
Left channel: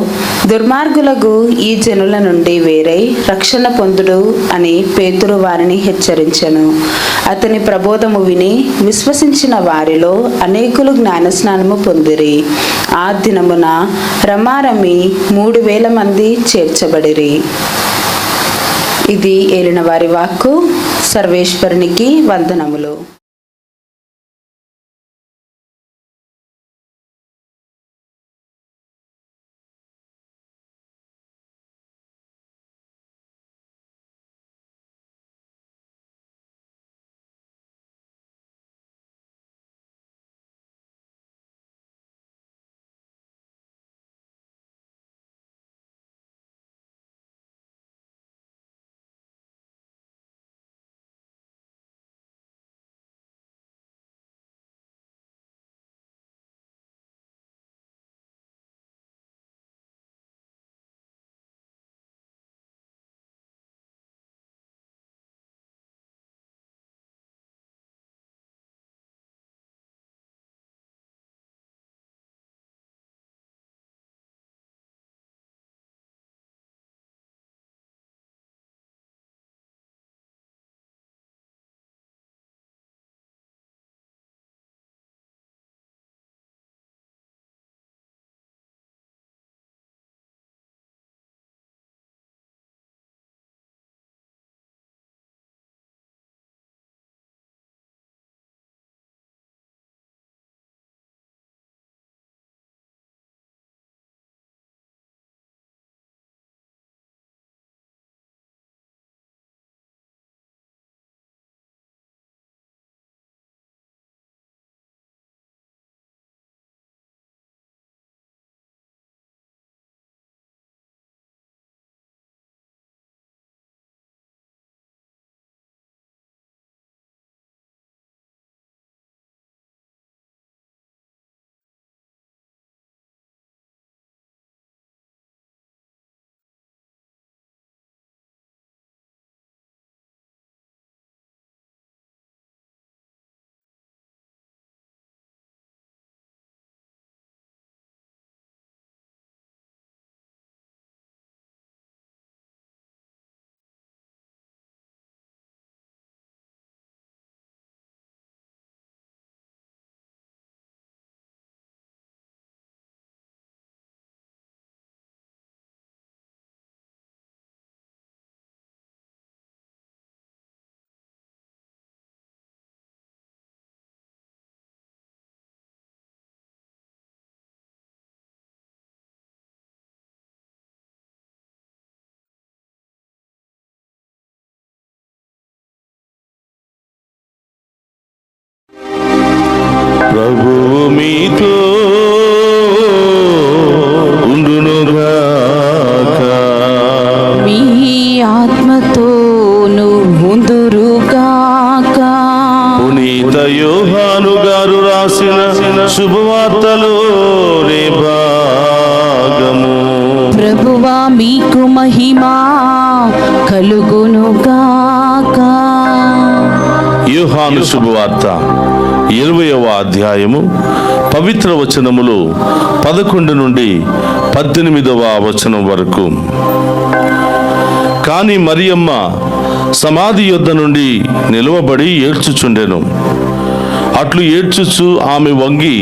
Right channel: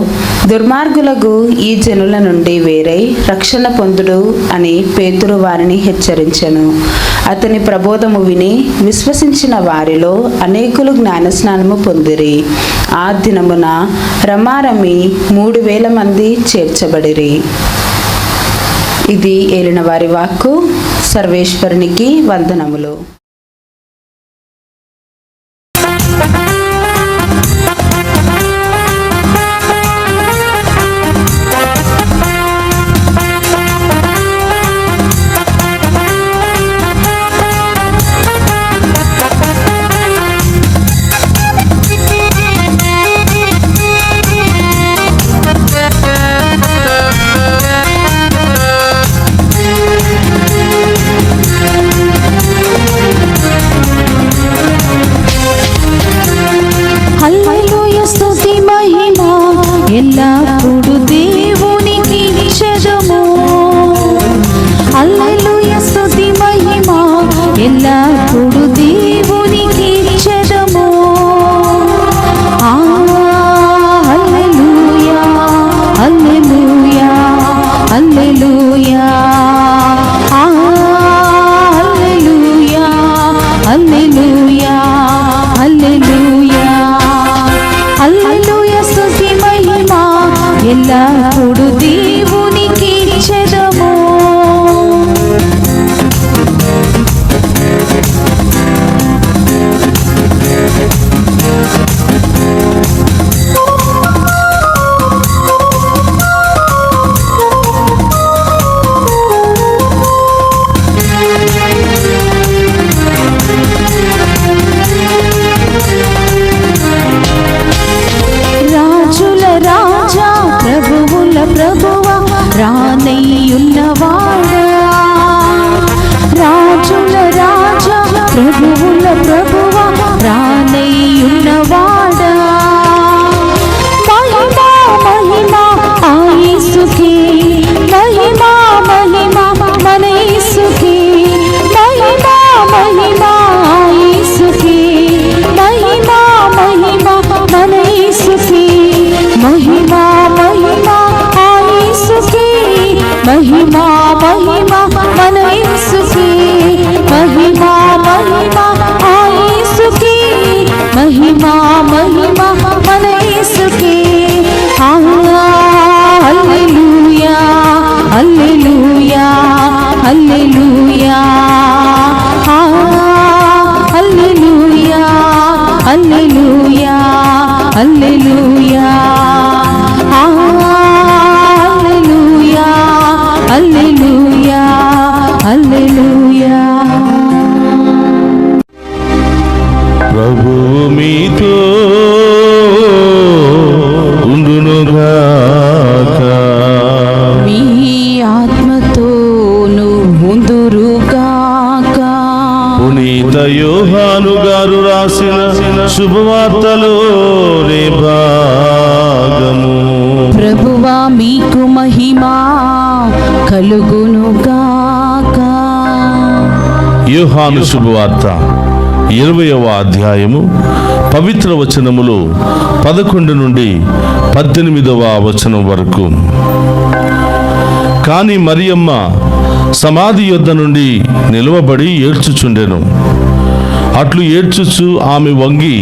దుర్మార్గులకు ఈ జనుల నుండి వేరై రక్షణ పొందుడు అని పేతురు వారిని హెచ్చరించెను. అతని ప్రబోధము విని విశ్వసించిన వారిలో అనేకులు జ్ఞానస్నానము పొందిరి. ఆ దినమున రమారమి 3,000 మంది చేర్చబడిరి. ఇది ఏలిన వారి వాక్కు. సర్వేశ్వరునికి వందనములు. హల్లెలూయా, హల్లెలూయా, హల్లెలూయా, హల్లెలూయా. ప్రభువు మీతో ఉండునుగాక. మీ ఆత్మతోను ఉందురుగాక. పునీత యోహాను గారు రాసిన శుభవార్తలోని భాగము. ప్రభువా మీకు మహిమా కలుగునుగాక. యోహాను శుభవార్త 20వ అధ్యాయము పవిత్ర వచనములు 11 నుండి 18వ వచనం వరకు. కాని మరియమ్మ సమాధి యొద్ద నుండి నిలువబడి ఏడ్చుచుండెను. అట్లు ఏడ్చుచు ఆమె వంగి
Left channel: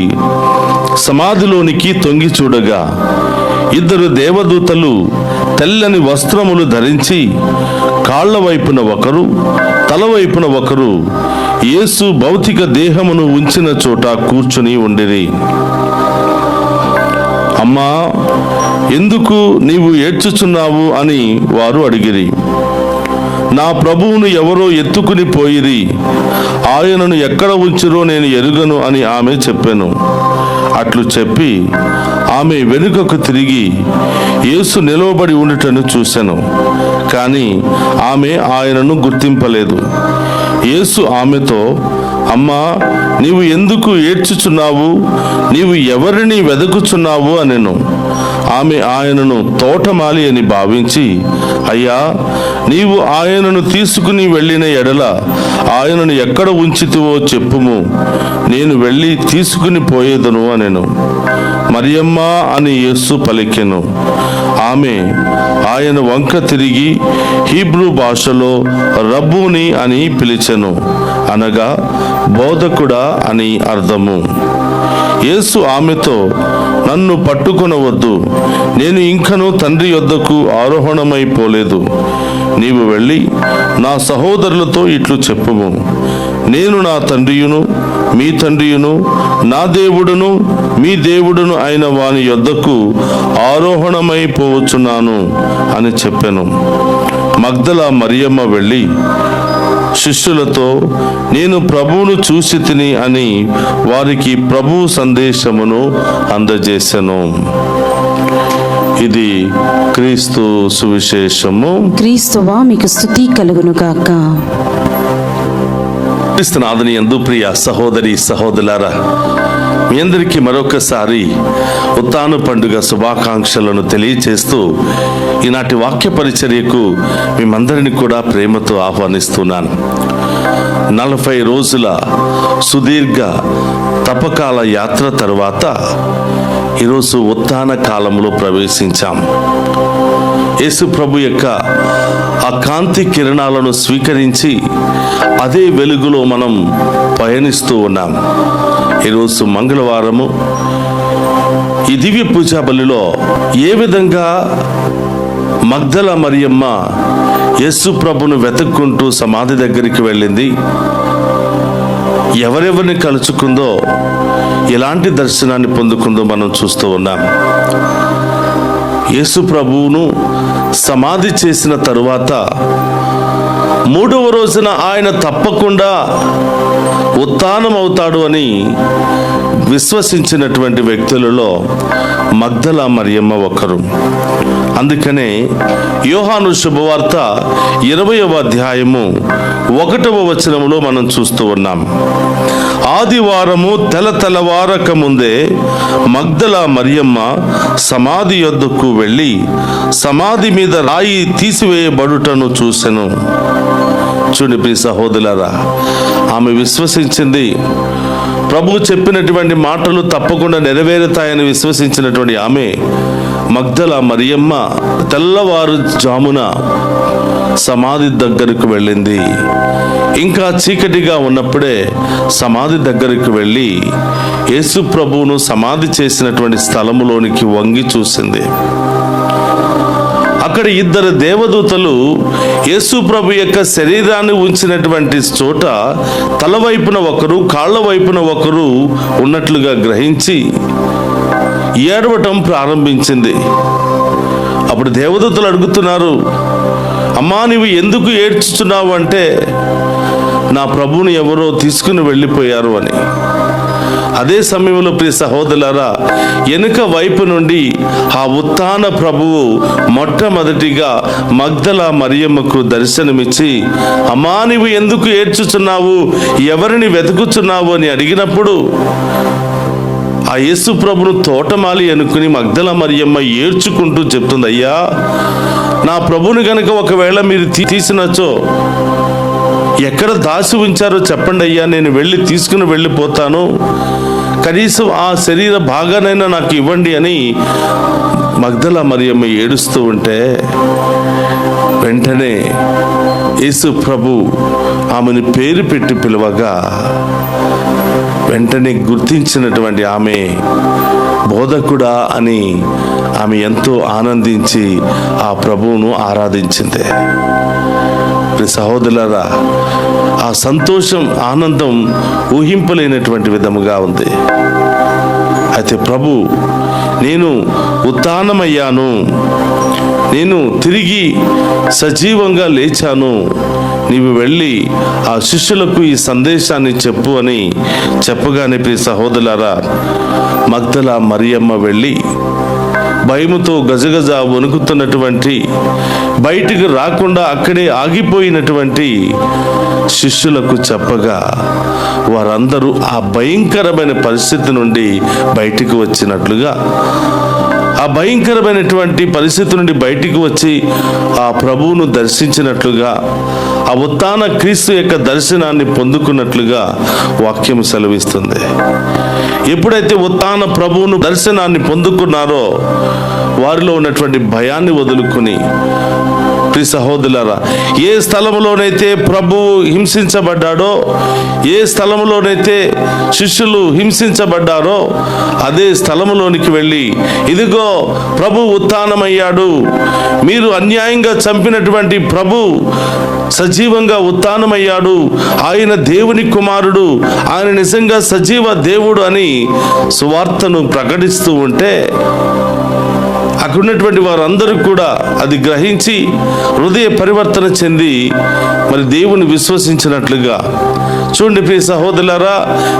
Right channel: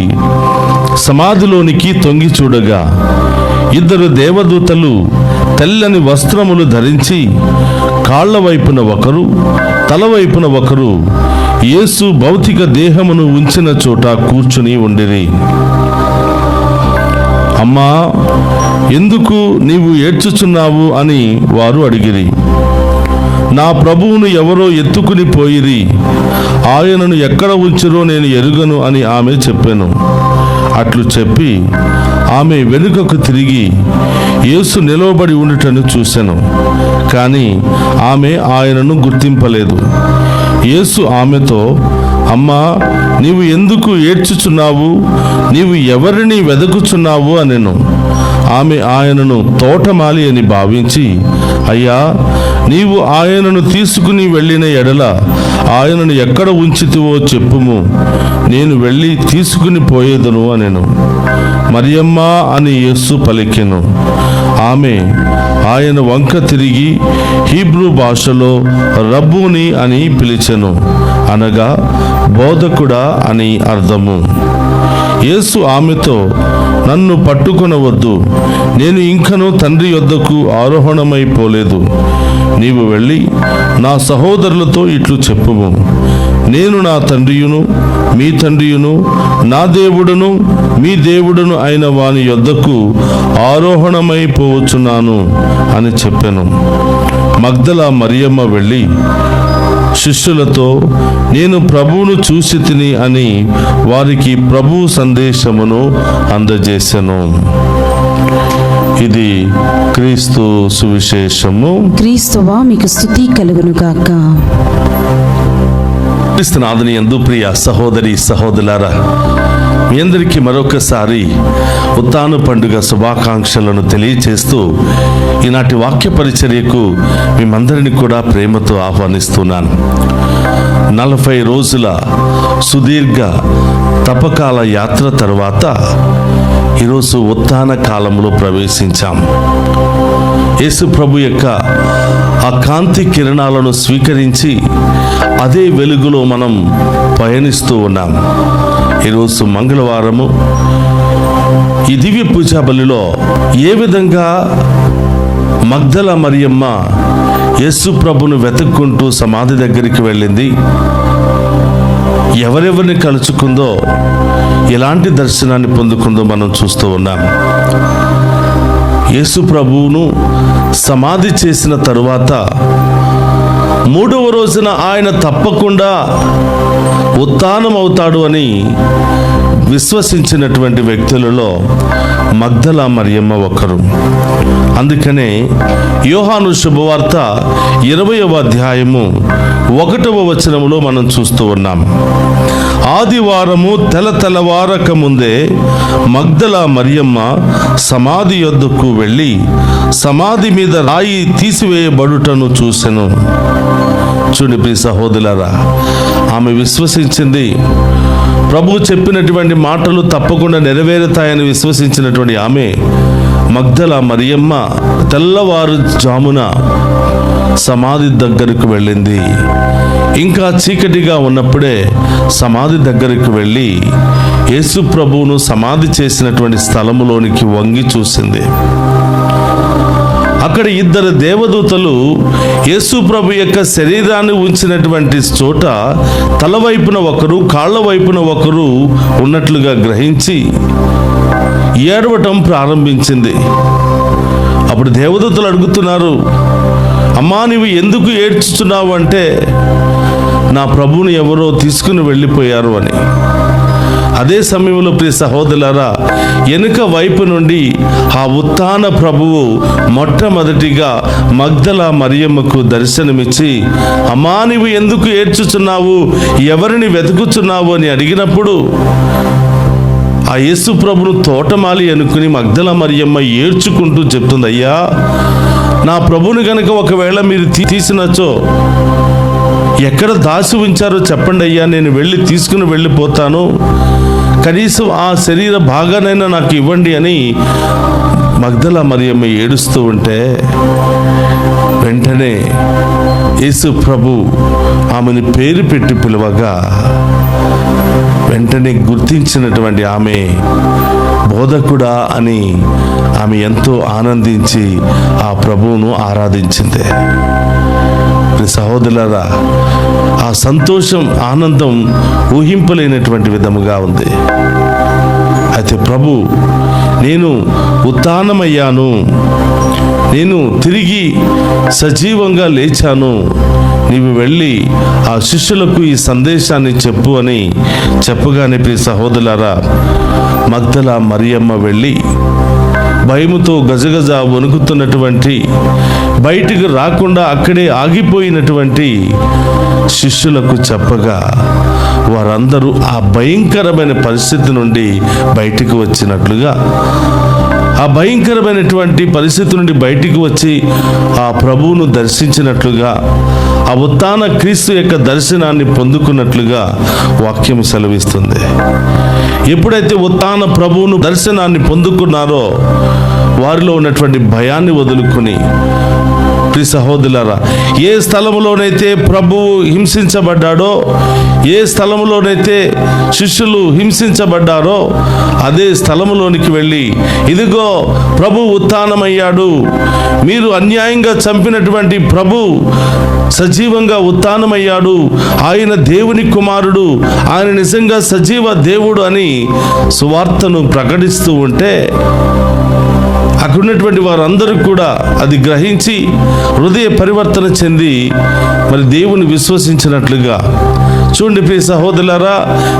సమాధిలోనికి తొంగి చూడగా 2 దేవదూతలు తెల్లని వస్త్రములు ధరించి కాళ్ల వైపున ఒకరు తల వైపున ఒకరు యేసు భౌతిక దేహమును ఉంచిన చోట కూర్చుని ఉండిరి. అమ్మా, ఎందుకు నీవు ఏడ్చుచున్నావు అని వారు అడిగిరి. నా ప్రభువును ఎవరో ఎత్తుకుని పోయిరి, ఆయనను ఎక్కడ ఉంచిరో నేను ఎరుగను అని ఆమె చెప్పెను. అట్లు చెప్పి ఆమె వెనుకకు తిరిగి యేసు నిలవబడి ఉండటను చూసెను. కానీ ఆమె ఆయనను గుర్తింపలేదు. యేసు ఆమెతో, అమ్మా, నీవు ఎందుకు ఏడ్చుచున్నావు? నీవు ఎవరిని వెదకుచున్నావు అనెను. ఆమె ఆయనను తోటమాలి అని భావించి, అయ్యా, నీవు ఆయనను తీసుకుని వెళ్ళిన ఎడల ఆయనను ఎక్కడ ఉంచితివో చెప్పుము, నేను వెళ్ళి తీసుకుని పోయేదను అనెను. మరియమ్మ అని యేసు పలికెను. ఆమె ఆయన వంక తిరిగి హీబ్రూ భాషలో రబ్బూని అని పిలిచెను, అనగా బోధకుడా అని అర్థము. యేసు ఆమెతో, నన్ను పట్టుకొనవద్దు, నేను ఇంకనూ తండ్రి యొద్దకు ఆరోహణమైపోలేదు. నీవు వెళ్ళి నా సహోదరులతో ఇట్లు చెప్పుము, నేను నా తండ్రియును మీ తండ్రియును, నా దేవుడును మీ దేవుడును అయిన వాని యొద్దకు ఆరోహణమైపోవచ్చున్నాను అని చెప్పెను. మగ్దల మరియమ్మ వెళ్ళి శిష్యులతో, నేను ప్రభువును చూసి తిని అని వారికి ప్రభువు సందేశమును అందజేసెను. ఇది క్రీస్తు సువిశేషము. క్రీస్తువా మీకు స్తుతి కలుగునుగాక. క్రీస్తునాథుని యందు ప్రియ సహోదరి సహోదరులారా, మీ అందరికీ మరొకసారి ఉత్థాన పండుగ శుభాకాంక్షలను తెలియచేస్తూ ఈనాటి వాక్య పరిచర్యకు మేమందరిని కూడా ప్రేమతో ఆహ్వానిస్తున్నాను. 40 రోజుల సుదీర్ఘ తపకాల యాత్ర తర్వాత ఈరోజు ఉత్థాన కాలంలో ప్రవేశించాం. యేసు ప్రభు యొక్క ఆ కాంతి కిరణాలను స్వీకరించి అదే వెలుగులో మనం పయనిస్తూ ఉన్నాం. ఈరోజు మంగళవారము. ఈ దివ్య పూజా బలిలో ఏ విధంగా మగ్దల మరియమ్మ యేసు ప్రభును వెతుక్కుంటూ సమాధి దగ్గరికి వెళ్ళింది, ఎవరెవరిని కలుసుకుందో, ఎలాంటి దర్శనాన్ని పొందుకుందో మనం చూస్తూ ఉన్నాం. యేసు ప్రభువును సమాధి చేసిన తరువాత 3వ రోజున ఆయన తప్పకుండా ఉత్థానం అవుతాడు అని విశ్వసించినటువంటి వ్యక్తులలో మగ్దల మరియమ్మ ఒకరు. అందుకనే యోహాను శుభవార్త 20వ అధ్యాయము 1వ వచనములో మనం చూస్తూ ఉన్నాం. ఆదివారము తెల్లవారక ముందే మగ్దల మరియమ్మ సమాధి యొద్దకు వెళ్ళి సమాధి మీద రాయి తీసివేయబడుటను చూసెను. చూడండి సహోదరులారా, ఆమె విశ్వసించింది. ప్రభువు చెప్పినటువంటి మాటలు తప్పకుండా నెరవేరుతాయని విశ్వసించినటువంటి ఆమె మగ్దల మరియమ్మ తెల్లవారుజామున సమాధి దగ్గరకు వెళ్ళింది. ఇంకా చీకటిగా ఉన్నప్పుడే సమాధి దగ్గరకు వెళ్ళి యేసు ప్రభువును సమాధి చేసినటువంటి స్థలములోనికి వంగి చూసింది. అక్కడ 2 దేవదూతలు యేసు ప్రభు యొక్క శరీరాన్ని ఉంచినటువంటి చోట తల వైపున ఒకరు కాళ్ళ వైపున ఒకరు ఉన్నట్లుగా గ్రహించి ఏడవటం ప్రారంభించింది. అప్పుడు దేవదూతలు అడుగుతున్నారు, అమ్మా నీవు ఎందుకు ఏడ్చుచున్నావు అంటే, నా ప్రభువుని ఎవరో తీసుకుని వెళ్ళిపోయారు అని. అదే సమయంలో ప్రియ సహోదరులారా, వెనుక వైపు నుండి ఆ ఉత్థాన ప్రభువు మొట్టమొదటిగా మగ్దల మరియమ్మకు దర్శనమిచ్చి, అమ్మా నీవు ఎందుకు ఏడ్చుచున్నావు, ఎవరిని వెతుకుచున్నావు అని అడిగినప్పుడు ఆ యేసు ప్రభును తోటమాలి అనుకుని మగ్దల మరియమ్మ ఏడ్చుకుంటూ చెప్తుంది, అయ్యా నా ప్రభుని గనక ఒకవేళ మీరు తీసినచో ఎక్కడ దాచి ఉంచారో చెప్పండి అయ్యా, నేను వెళ్ళి తీసుకుని వెళ్ళిపోతాను, కనీసం ఆ శరీర భాగానైనా నాకు ఇవ్వండి అని మగ్దల మరియమ్మ ఏడుస్తూ ఉంటే వెంటనే యేసు ప్రభు ఆమెను పేరు పెట్టి పిలువగా వెంటనే గుర్తించినటువంటి ఆమె బోధకుడా అని ఆమె ఎంతో ఆనందించి ఆ ప్రభువును ఆరాధించింది. సహోదరులారా, ఆ సంతోషం, ఆనందం ఊహింపలేనటువంటి విధముగా ఉంది. అయితే ప్రభు, నేను ఉత్థానమయ్యాను, నేను తిరిగి సజీవంగా లేచాను, నీవు వెళ్ళి ఆ శిష్యులకు ఈ సందేశాన్ని చెప్పు అని చెప్పగానే ప్రియ సహోదరులారా, మగ్దల మరియమ్మ వెళ్ళి భయముతో గజగజ వణుకుతున్నటువంటి, బయటికి రాకుండా అక్కడే ఆగిపోయినటువంటి శిష్యులకు చెప్పగా వారందరూ ఆ భయంకరమైన పరిస్థితి నుండి బయటికి వచ్చినట్లుగా, ఆ భయంకరమైనటువంటి పరిస్థితి నుండి బయటికి వచ్చి ఆ ప్రభువును దర్శించినట్లుగా, ఆ ఉత్థాన క్రీస్తు యొక్క దర్శనాన్ని పొందుకున్నట్లుగా వాక్యం సెలవిస్తుంది. ఎప్పుడైతే ఉత్థాన ప్రభువును దర్శనాన్ని పొందుకున్నారో వారిలో ఉన్నటువంటి భయాన్ని వదులుకుని, ప్రియ సహోదరులారా, ఏ స్థలంలోనైతే ప్రభువు హింసించబడ్డాడో, ఏ స్థలంలోనైతే శిష్యులు హింసించబడ్డారో అదే స్థలంలోనికి వెళ్ళి, ఇదిగో ప్రభు ఉత్థానమయ్యాడు, మీరు అన్యాయంగా చంపినటువంటి ప్రభు సజీవంగా ఉత్థానమయ్యాడు, ఆయన దేవుని కుమారుడు, ఆయన నిజంగా సజీవ దేవుడు అని సువార్తను ప్రకటిస్తూ ఉంటే అక్కడ ఉన్నటువంటి వారందరూ కూడా అది గ్రహించి హృదయ పరివర్తన చెంది మరి దేవుని విశ్వసించినట్లుగా. చూడండి ప్రియ సహోదరులారా,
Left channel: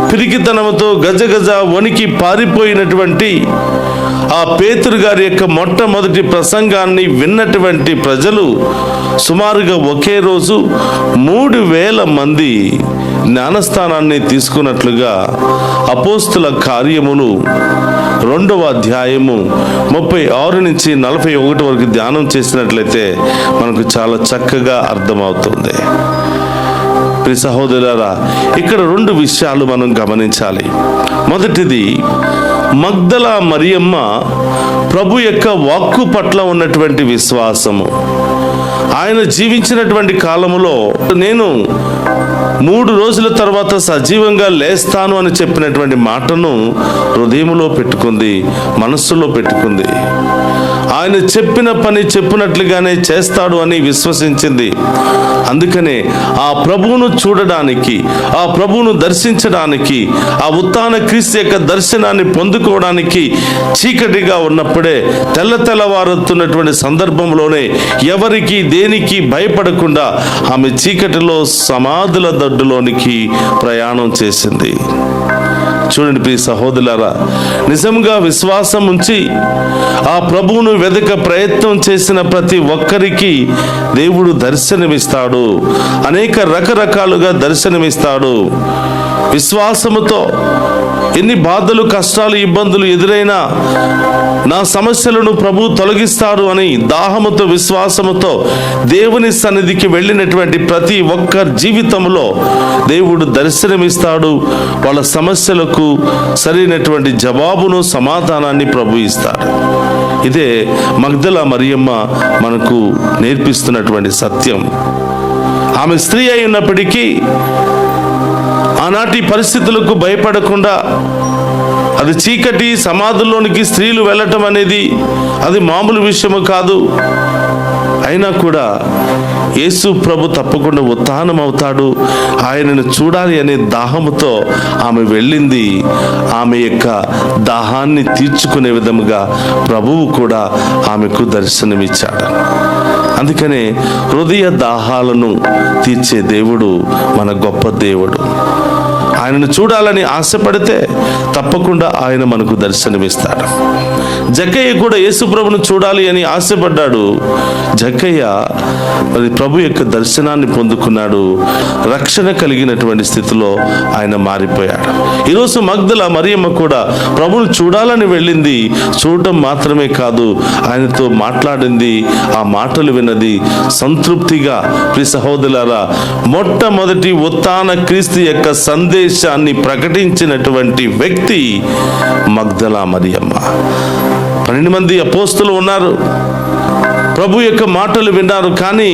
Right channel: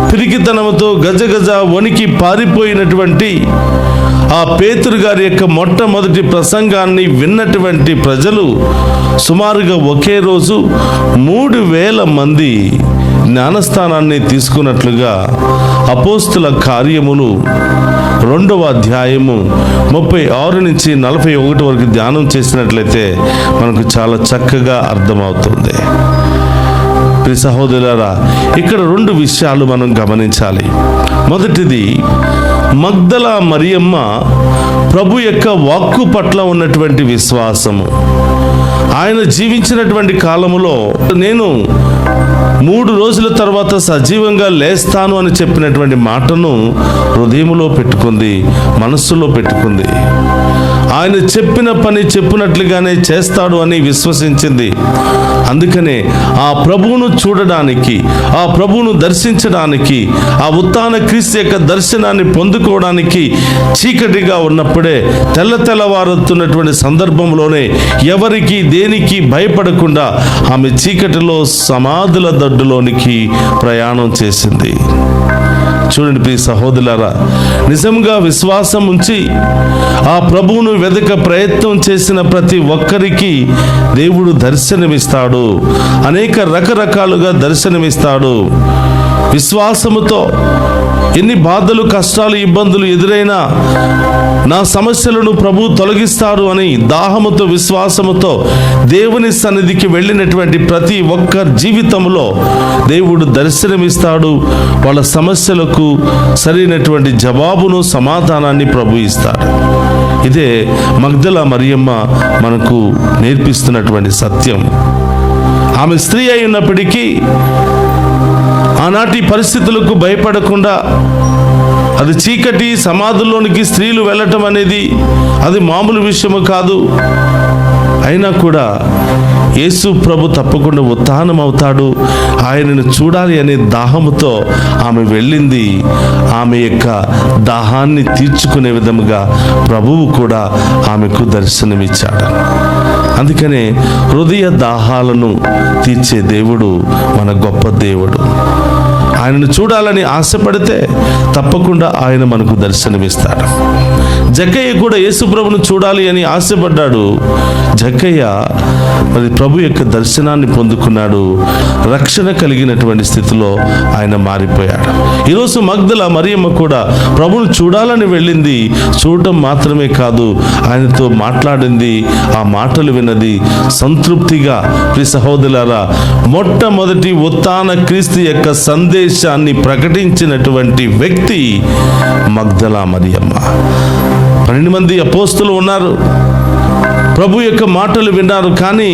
పిరికితనంతో గజగజ వణికి పారిపోయినటువంటి ఆ పేతురు గారి యొక్క మొట్టమొదటి ప్రసంగాన్ని విన్నటువంటి ప్రజలు సుమారుగా ఒకే రోజు 3,000 మంది జ్ఞానస్థానాన్ని తీసుకున్నట్లుగా అపోస్తుల కార్యములు 2వ అధ్యాయము 36 నుంచి 41 వరకు ధ్యానం చేసినట్లయితే మనకు చాలా చక్కగా అర్థమవుతుంది. ప్రియ సహోదరులారా, ఇక్కడ 2 విషయాలు మనం గమనించాలి. మొదటిది, మగ్దల మరియమ్మ ప్రభు యొక్క వాక్కు పట్ల ఉన్నటువంటి విశ్వాసము. ఆయన జీవించినటువంటి కాలములో నేను 3 రోజుల తర్వాత సజీవంగా లేస్తాను అని చెప్పినటువంటి మాటను హృదయంలో పెట్టుకుంది, మనస్సులో పెట్టుకుంది. ఆయన చెప్పిన పని చెప్పినట్లుగానే చేస్తాడు అని విశ్వసించింది. అందుకనే ఆ ప్రభువును చూడడానికి, ఆ ప్రభువును దర్శించడానికి, ఆ ఉత్థాన క్రీస్తు యొక్క దర్శనాన్ని పొందుకోవడానికి చీకటిగా ఉన్నప్పుడే, తెల్లవారుతున్నటువంటి సందర్భంలోనే ఎవరికి దేనికి భయపడకుండా ఆమె చీకటిలో సమాధుల దొడ్డులోనికి ప్రయాణం చేసింది. చూడండి ప్రియ సహోదరులారా, నిజంగా విశ్వాసం ఉంచి ఆ ప్రభువును వెదక ప్రయత్నం చేసిన ప్రతి ఒక్కరికి దేవుడు దర్శనమిస్తాడు, అనేక రకరకాలుగా దర్శనమిస్తాడు. విశ్వాసముతో ఎన్ని బాధలు, కష్టాలు, ఇబ్బందులు ఎదురైనా నా సమస్యలను ప్రభు తొలగిస్తాడు అని దాహముతో, విశ్వాసముతో దేవుని సన్నిధికి వెళ్ళినటువంటి ప్రతి ఒక్కరి జీవితంలో దేవుడు దర్శనమిస్తాడు. వాళ్ళ సమస్యలకు సరైనటువంటి జవాబును, సమాధానాన్ని ప్రభు ఇస్తాడు. ఇదే మగ్దల మరియమ్మ మనకు నేర్పిస్తున్నటువంటి సత్యం. ఆమె స్త్రీ అయి ఉన్నప్పటికీ ఆనాటి పరిస్థితులకు భయపడకుండా, అది చీకటి సమాధుల్లోనికి స్త్రీలు వెళ్ళటం అనేది అది మామూలు విషయము కాదు. అయినా కూడా యేసు ప్రభు తప్పకుండా ఉత్థానం అవుతాడు, ఆయనను చూడాలి అనే దాహముతో ఆమె వెళ్ళింది. ఆమె యొక్క దాహాన్ని తీర్చుకునే విధముగా ప్రభువు కూడా ఆమెకు దర్శనమిచ్చాడు. అందుకనే హృదయ దాహాలను తీర్చే దేవుడు మన గొప్ప దేవుడు. ఆయనను చూడాలని ఆశపడితే తప్పకుండా ఆయన మనకు దర్శనమిస్తాడు. జక్కయ్య కూడా యేసు ప్రభును చూడాలి అని ఆశపడ్డాడు. జక్కయ్య మరి ప్రభు యొక్క దర్శనాన్ని పొందుకున్నాడు. రక్షణ కలిగినటువంటి స్థితిలో ఆయన మారిపోయాడు. ఈరోజు మగ్దల మరియమ్మ కూడా ప్రభును చూడాలని వెళ్ళింది. చూడటం మాత్రమే కాదు, ఆయనతో మాట్లాడింది, ఆ మాటలు విన్నది. సంతృప్తిగా ప్రియ సహోదరులారా, మొట్టమొదటి ఉత్థాన క్రీస్తు యొక్క సందేశాన్ని ప్రకటించినటువంటి వ్యక్తి మగ్దల మరియమ్మ. 12 మంది అపోస్తులు ఉన్నారు. ప్రభు యొక్క మాటలు విన్నారు, కానీ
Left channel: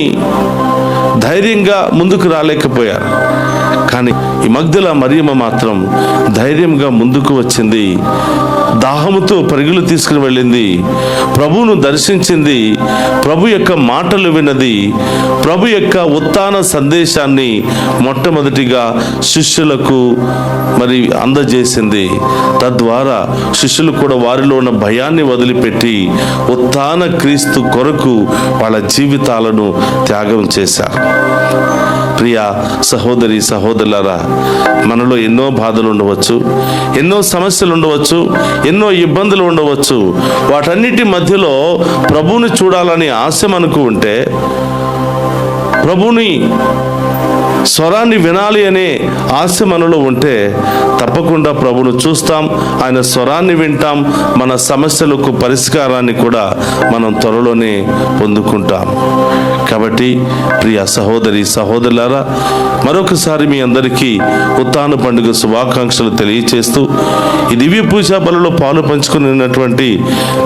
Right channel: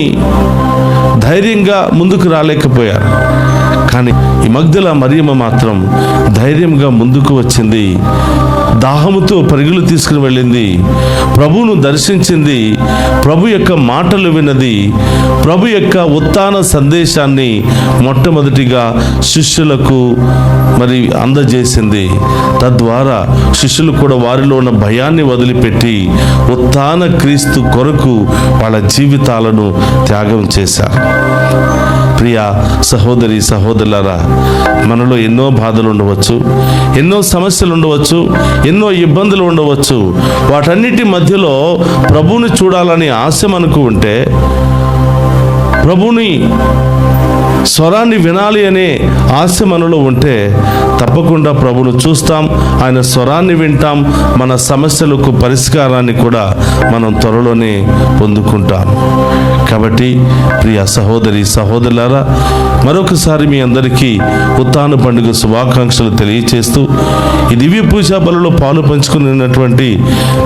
ధైర్యంగా ముందుకు రాలేకపోయారు. కానీ ఈ మగ్దల మరియమ్మ మాత్రం ధైర్యంగా ముందుకు వచ్చింది. దాహముతో పరుగులు తీసుకుని వెళ్ళింది. ప్రభువును దర్శించింది. ప్రభు యొక్క మాటలు విన్నది. ప్రభు యొక్క ఉత్థాన సందేశాన్ని మొట్టమొదటిగా శిష్యులకు మరి అందజేసింది. తద్వారా శిష్యులు కూడా వారిలో ఉన్న భయాన్ని వదిలిపెట్టి ఉత్థాన క్రీస్తు కొరకు వాళ్ళ జీవితాలను త్యాగం చేశారు. ప్రియ సహోదరి సహోదరులారా, మనలో ఎన్నో బాధలు ఉండవచ్చు, ఎన్నో సమస్యలు ఉండవచ్చు, ఎన్నో ఇబ్బందులు ఉండవచ్చు. వాటన్నిటి మధ్యలో ప్రభువుని చూడాలని ఆశ మనకు ఉంటే, ప్రభువుని స్వరాన్ని వినాలి అనే ఆశ మనలో ఉంటే తప్పకుండా ప్రభువును చూస్తాం, ఆయన స్వరాన్ని వింటాం. మన సమస్యలకు పరిష్కారాన్ని కూడా మనం త్వరలోనే పొందుకుంటాం. కాబట్టి ప్రియ సహోదరి సహోదరులారా, మరొకసారి మీ అందరికీ ఉత్థాన పండుగ శుభాకాంక్షలు తెలియచేస్తూ ఈ దివ్య పూజా బలలో పాలు పంచుకున్నటువంటి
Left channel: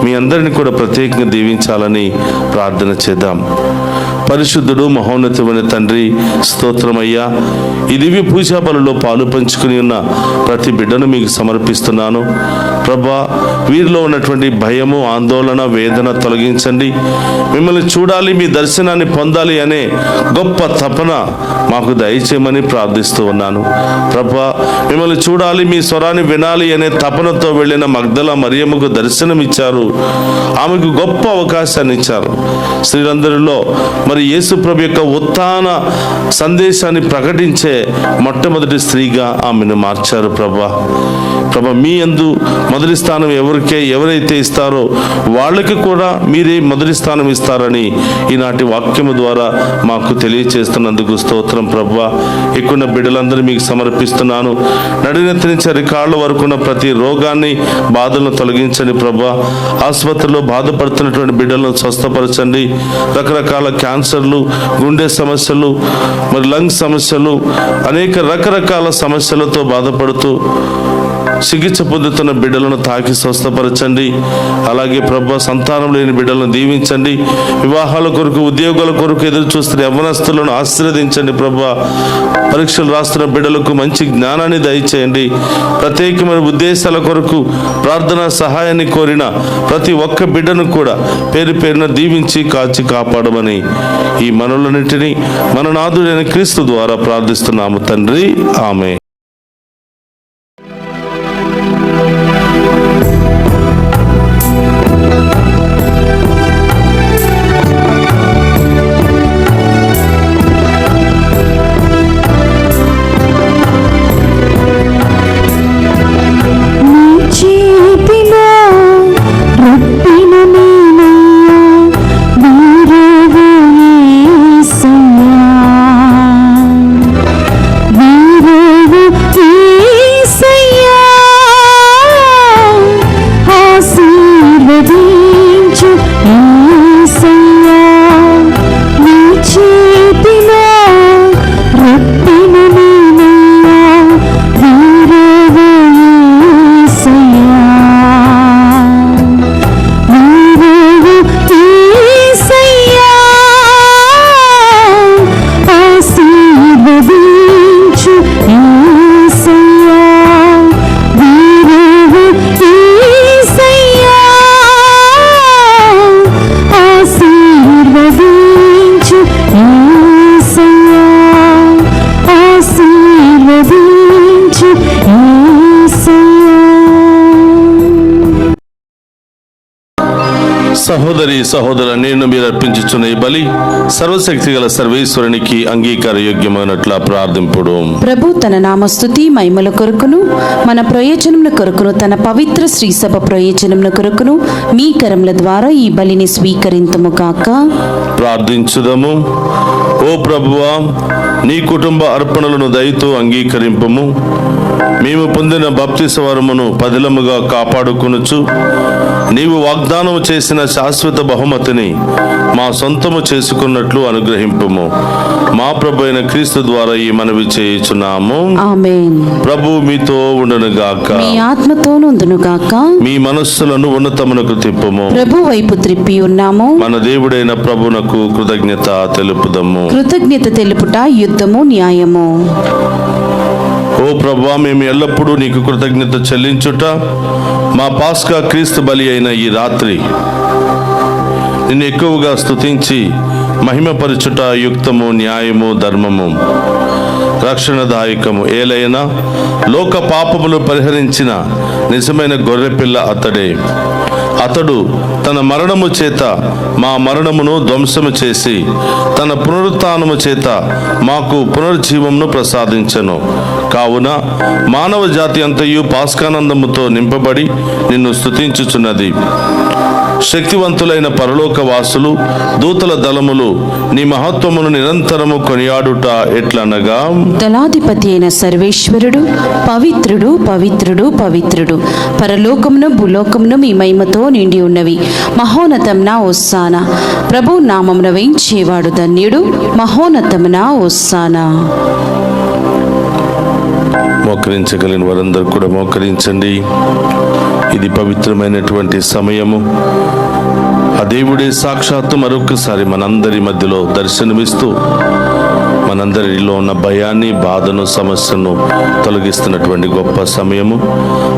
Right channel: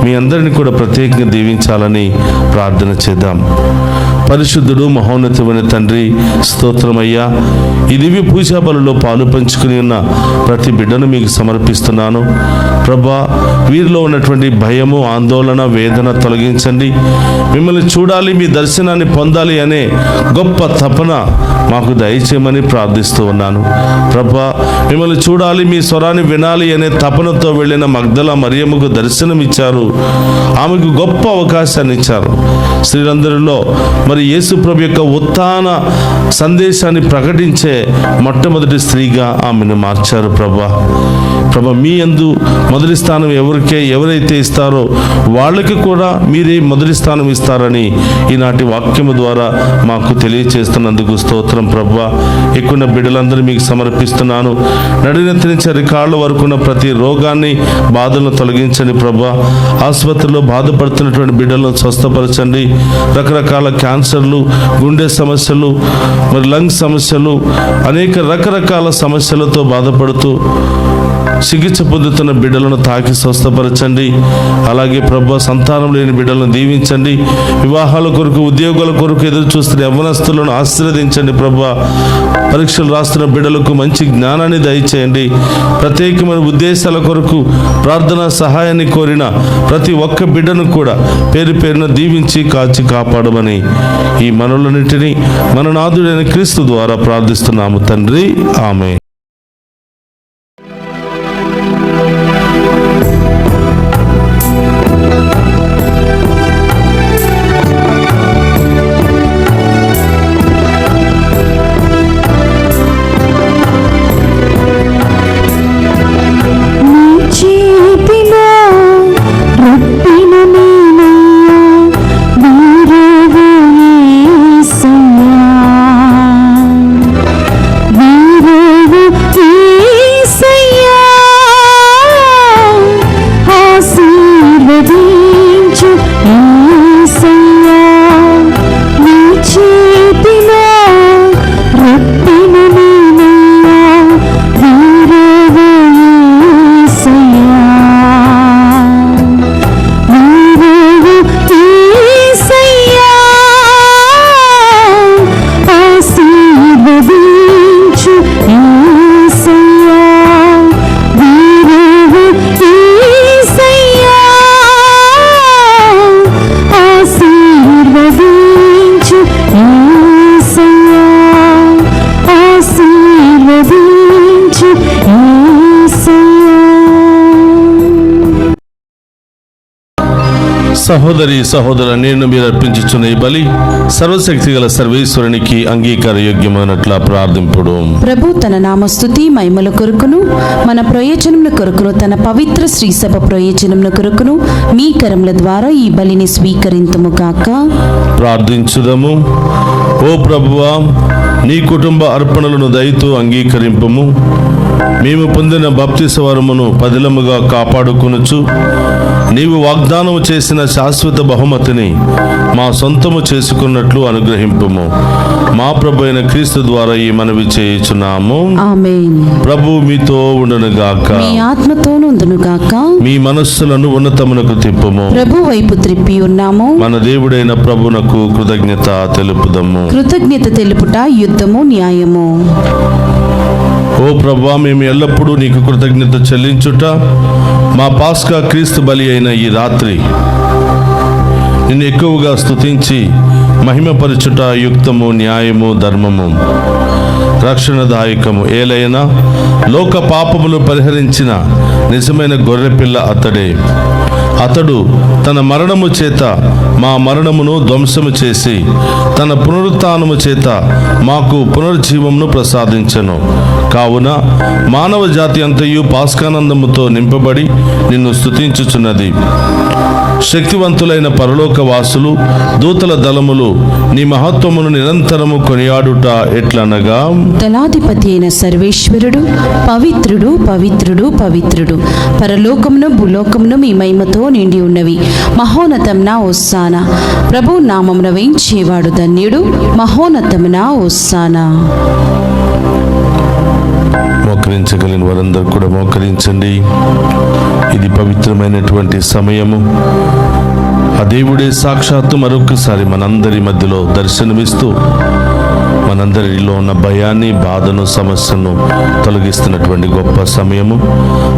మీ అందరిని కూడా ప్రత్యేకంగా దీవించాలని ప్రార్థన చేద్దాం. పరిశుద్ధుడు మహోన్నతమైన తండ్రి, స్తోత్రమయ్యా. ఈ దివ్య పూజా బలలో పాలు పంచుకుని ఉన్న ప్రతి బిడ్డను మీకు సమర్పిస్తున్నాను. ప్రభా, వీరిలో ఉన్నటువంటి భయము, ఆందోళన, వేదన తొలగించండి. మిమ్మల్ని చూడాలి, మీ దర్శనాన్ని పొందాలి అనే గొప్ప తపన మాకు దయచేయమని ప్రార్థిస్తూ ఉన్నాను. ప్రభా, మిమ్మల్ని చూడాలి, మీ స్వరాన్ని వినాలి అనే తపనతో వెళ్ళిన మగ్దల మరియమ్మకు దర్శనం ఇచ్చారు. ఆమెకు గొప్ప అవకాశాన్ని ఇచ్చారు. స్త్రీలందరిలో మరి యేసు ప్రభు యొక్క ఉత్థాన సందేశాన్ని ప్రకటించే మొట్టమొదటి స్త్రీగా ఆమెను మార్చారు. ప్రభా, మీ యందు మొదటి స్థానం ఎవరైతే ఇస్తారో వాళ్ళకి కూడా మీరే మొదటి స్థానం ఇస్తారని ఈనాటి వాక్యము ద్వారా మాకు తెలియచేస్తున్నందుకు స్తోత్రం. ప్రభా, ఎక్కువ బిడ్డలందరూ మీకు సమర్పిస్తున్నాను. నడినెత్తి నుంచి అరికాళ్ళ వరకు ఉన్న ప్రతి రోగాన్ని, బాధలను తొలగించండి. ప్రభా, ఆసుపత్రిలో బాధపడుతున్నటువంటి బిడ్డలను స్వస్థపరచండి. రకరకాల క్యాన్సర్లు, గుండె సమస్యలు, మరి లంగ్ సమస్యలు, అనేక రకరకాల సమస్యలతో బాధపడుతూ చికిత్స పొందుతున్న బిడ్డలను తాకి స్వస్థపరచండి. అలాగే ప్రభా, సంతానం లేని బిడ్డలను దీవించండి. వివాహాల కొరకు, ఉద్యోగాల కొరకు ఎదురు చూస్తున్న యవ్వనస్తులను ఆశీర్వదించండి. ప్రభా, పరీక్షలు రాస్తున్న బిడ్డలకు మంచి జ్ఞానాన్ని దయచేయండి. ప్రత్యేకమైన ఉద్దేశాల కొరకు ప్రార్థనా సహాయాన్ని కోరిన ప్రతి ఒక్క బిడ్డను కూడా పేరు పేరున దీవించి కాచి కాపాడమని ఈ మనలన్నింటినీ మన నాథుడైన క్రీస్తు ద్వారా ప్రార్థిస్తున్నాము తండ్రి. ఆమె. వీరే సహోదరి సహోదర, నేను మీరు అర్పించుచున్న ఈ బలి సర్వశక్తి గల సర్వేశ్వరునికి అంగీకార యోగ్యమైనట్లా ప్రార్థింపుడు. ప్రభు తన నామస్తుతి మహిమల కొరకును మన ప్రయోజనముల కొరకును తన పవిత్ర శ్రీసభ ప్రయోజనముల కొరకును మీ కరముల ద్వారా ఈ బలిని స్వీకరింతుము గాక. ప్రార్థించుదము. ఓ ప్రభువా, నీ కుటుంబ అర్పణలను దయతో అంగీకరింపము. మేము పొందిన బాప్తిస్మ వరమును పదిలముగా కాపాడుకొనుచు నీవు వాగ్దానము చేసిన శాశ్వత బహుమతిని మా సొంతము చేసుకున్నట్లు అనుగ్రహింపుము. మా ప్రభు అయిన క్రీస్తు ద్వారా ఈ మనవి చేయుచున్నాము. ఆమేన్. ప్రభు మీతో ఉండునుగాక, మీ ఆత్మతోను ఉండునుగాక. మీ మనస్సులను ఉన్నతమునకు తిప్పుము. ప్రభు వైపు త్రిప్పి ఉన్నాము. మన దేవుడైన ప్రభునకు కృతజ్ఞత తెలుపుదము. కృతజ్ఞత తెలుపుట యుద్ధము న్యాయము. ఓ ప్రభువా, మేము ఎల్లప్పుడూ నీకు కృతజ్ఞత చెల్లించుట మా పాస్కా క్రీస్తు బలి అయిన ఈ రాత్రి నిన్ను ఎక్కువగా స్తుతించి మహిమపరచుట యుక్తము, న్యాయము, ధర్మము, రక్షణదాయకము. ఏలైనా లోక పాపములు పరిహరించిన నిజమైన గొర్రెపిల్ల అతడే. అతడు తన మరణము చేత మా మరణమును ధ్వంసము చేసి తన పునరుత్థానము చేత మాకు పునర్జీవమును ప్రసాదించెను. కావున మానవ జాతి అంతయు పాస్కానందముతో నింపబడి నిన్ను స్తుతించుచున్నది. శక్తివంతులైన పరలోక వాసులు, దూతల దళములు నీ మహత్వమును నిరంతరము కొనియాడుట ఎట్లనగా, దళాధిపతి అయిన సర్వేశ్వరుడు పవిత్రుడు పవిత్రుడు పవిత్రుడు, పరలోకమును భూలోకమును మీ మహిమతో నిండి ఉన్నవి. మహోన్నతమున హోసానా, ప్రభు నామమున వేయించేవాడు ధన్యుడు. మహోన్నతమున హోసానా. మోకరించగలిగిన వారందరూ కూడా మోకరించండి. ఇది పవిత్రమైనటువంటి సమయము. ఆ దేవుడే సాక్షాత్తు మరొకసారి మనందరి మధ్యలో దర్శనమిస్తూ మనందరిలో ఉన్న భయాన్ని, బాధను, సమస్యను తొలగిస్తున్నటువంటి గొప్ప సమయము.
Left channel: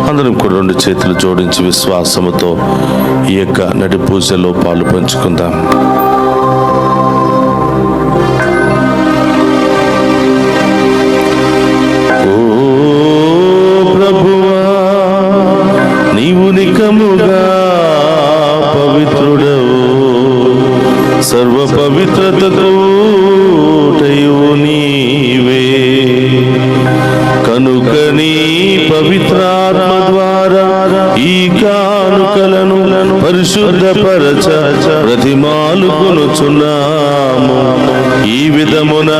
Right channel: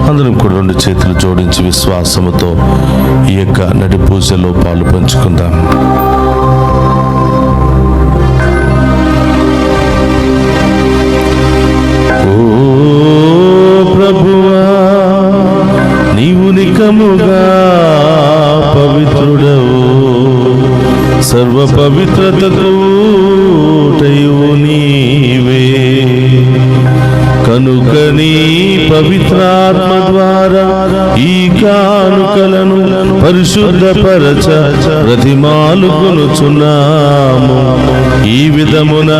అందరం కూడా రెండు చేతులు జోడించి విశ్వాసముతో ఈ యొక్క నడి పూజలో పాలు పంచుకుందాం. నికముగా పవిత్రుడవు, సర్వ పవిత్రతకు నీవే. కనుక నీ పవిత్రాత్మ ద్వారా ఈ కానుకలను పరిశుద్ధపరచ ప్రతిమాలుకొనుచున్నాము. ఈ విధమున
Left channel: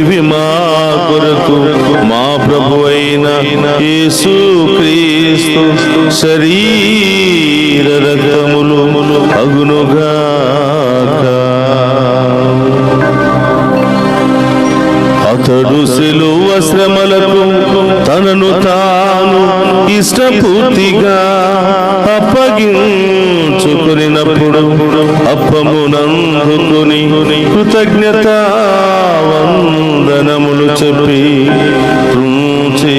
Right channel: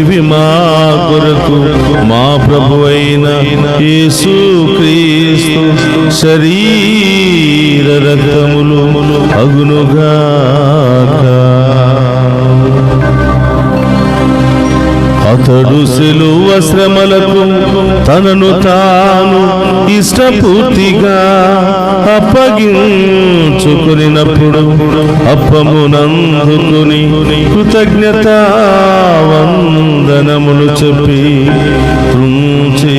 ఇవి మా కొరకు మా ప్రభువైన యేసు క్రీస్తు శరీర రక్తములు అగునుగాక. అతడు సిలువ శ్రమలకు తనను తాను ఇష్టపూర్తిగా అప్పగించుకునినప్పుడు అప్పమునందుకుని కృతజ్ఞత వందనములు చెప్పి త్రుంచి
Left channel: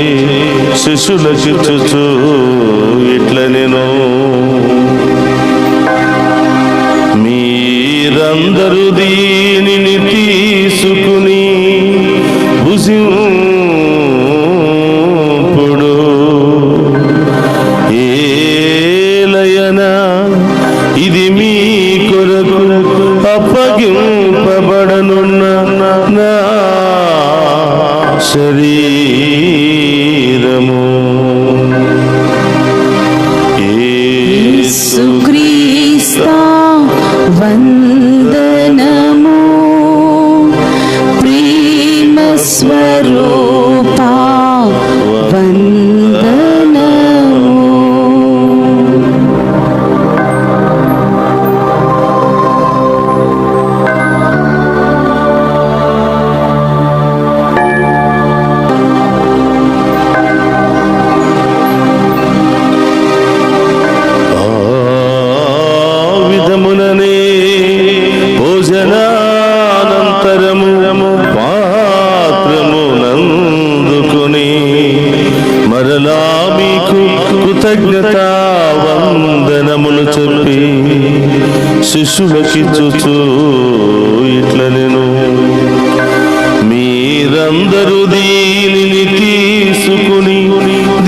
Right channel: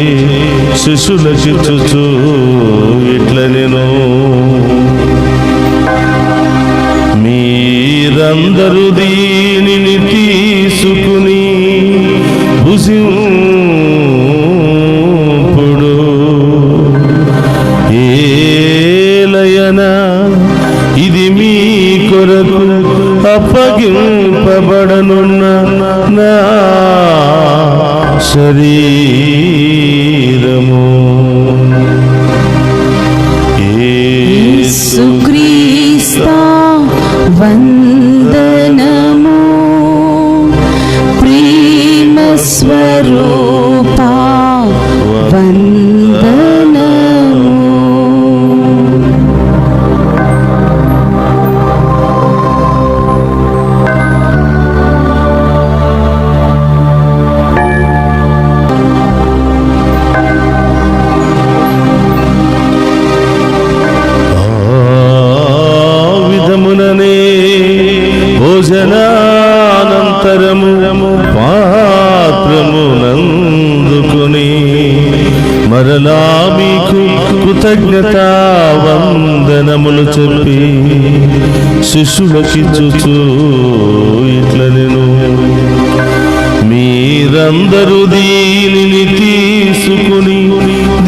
శిష్యులకిచ్చుచు ఇట్లనెను, మీరందరూ దీనిని తీసుకుని భుజింపుడు. ఏలయనా ఇది మీ కొరకు అప్పగింపబడనున్న నా శరీరము. యేసుక్రీస్తు వందనము, ప్రేమ స్వరూపా వందనము. భోజనానంతరము పాత్రమునందుకుని మరలా మీకు కృతజ్ఞత వందనములు చెప్పి శిష్యులకిచ్చుచు ఇట్లనెను, మీరందరూ దీనిని తీసుకుని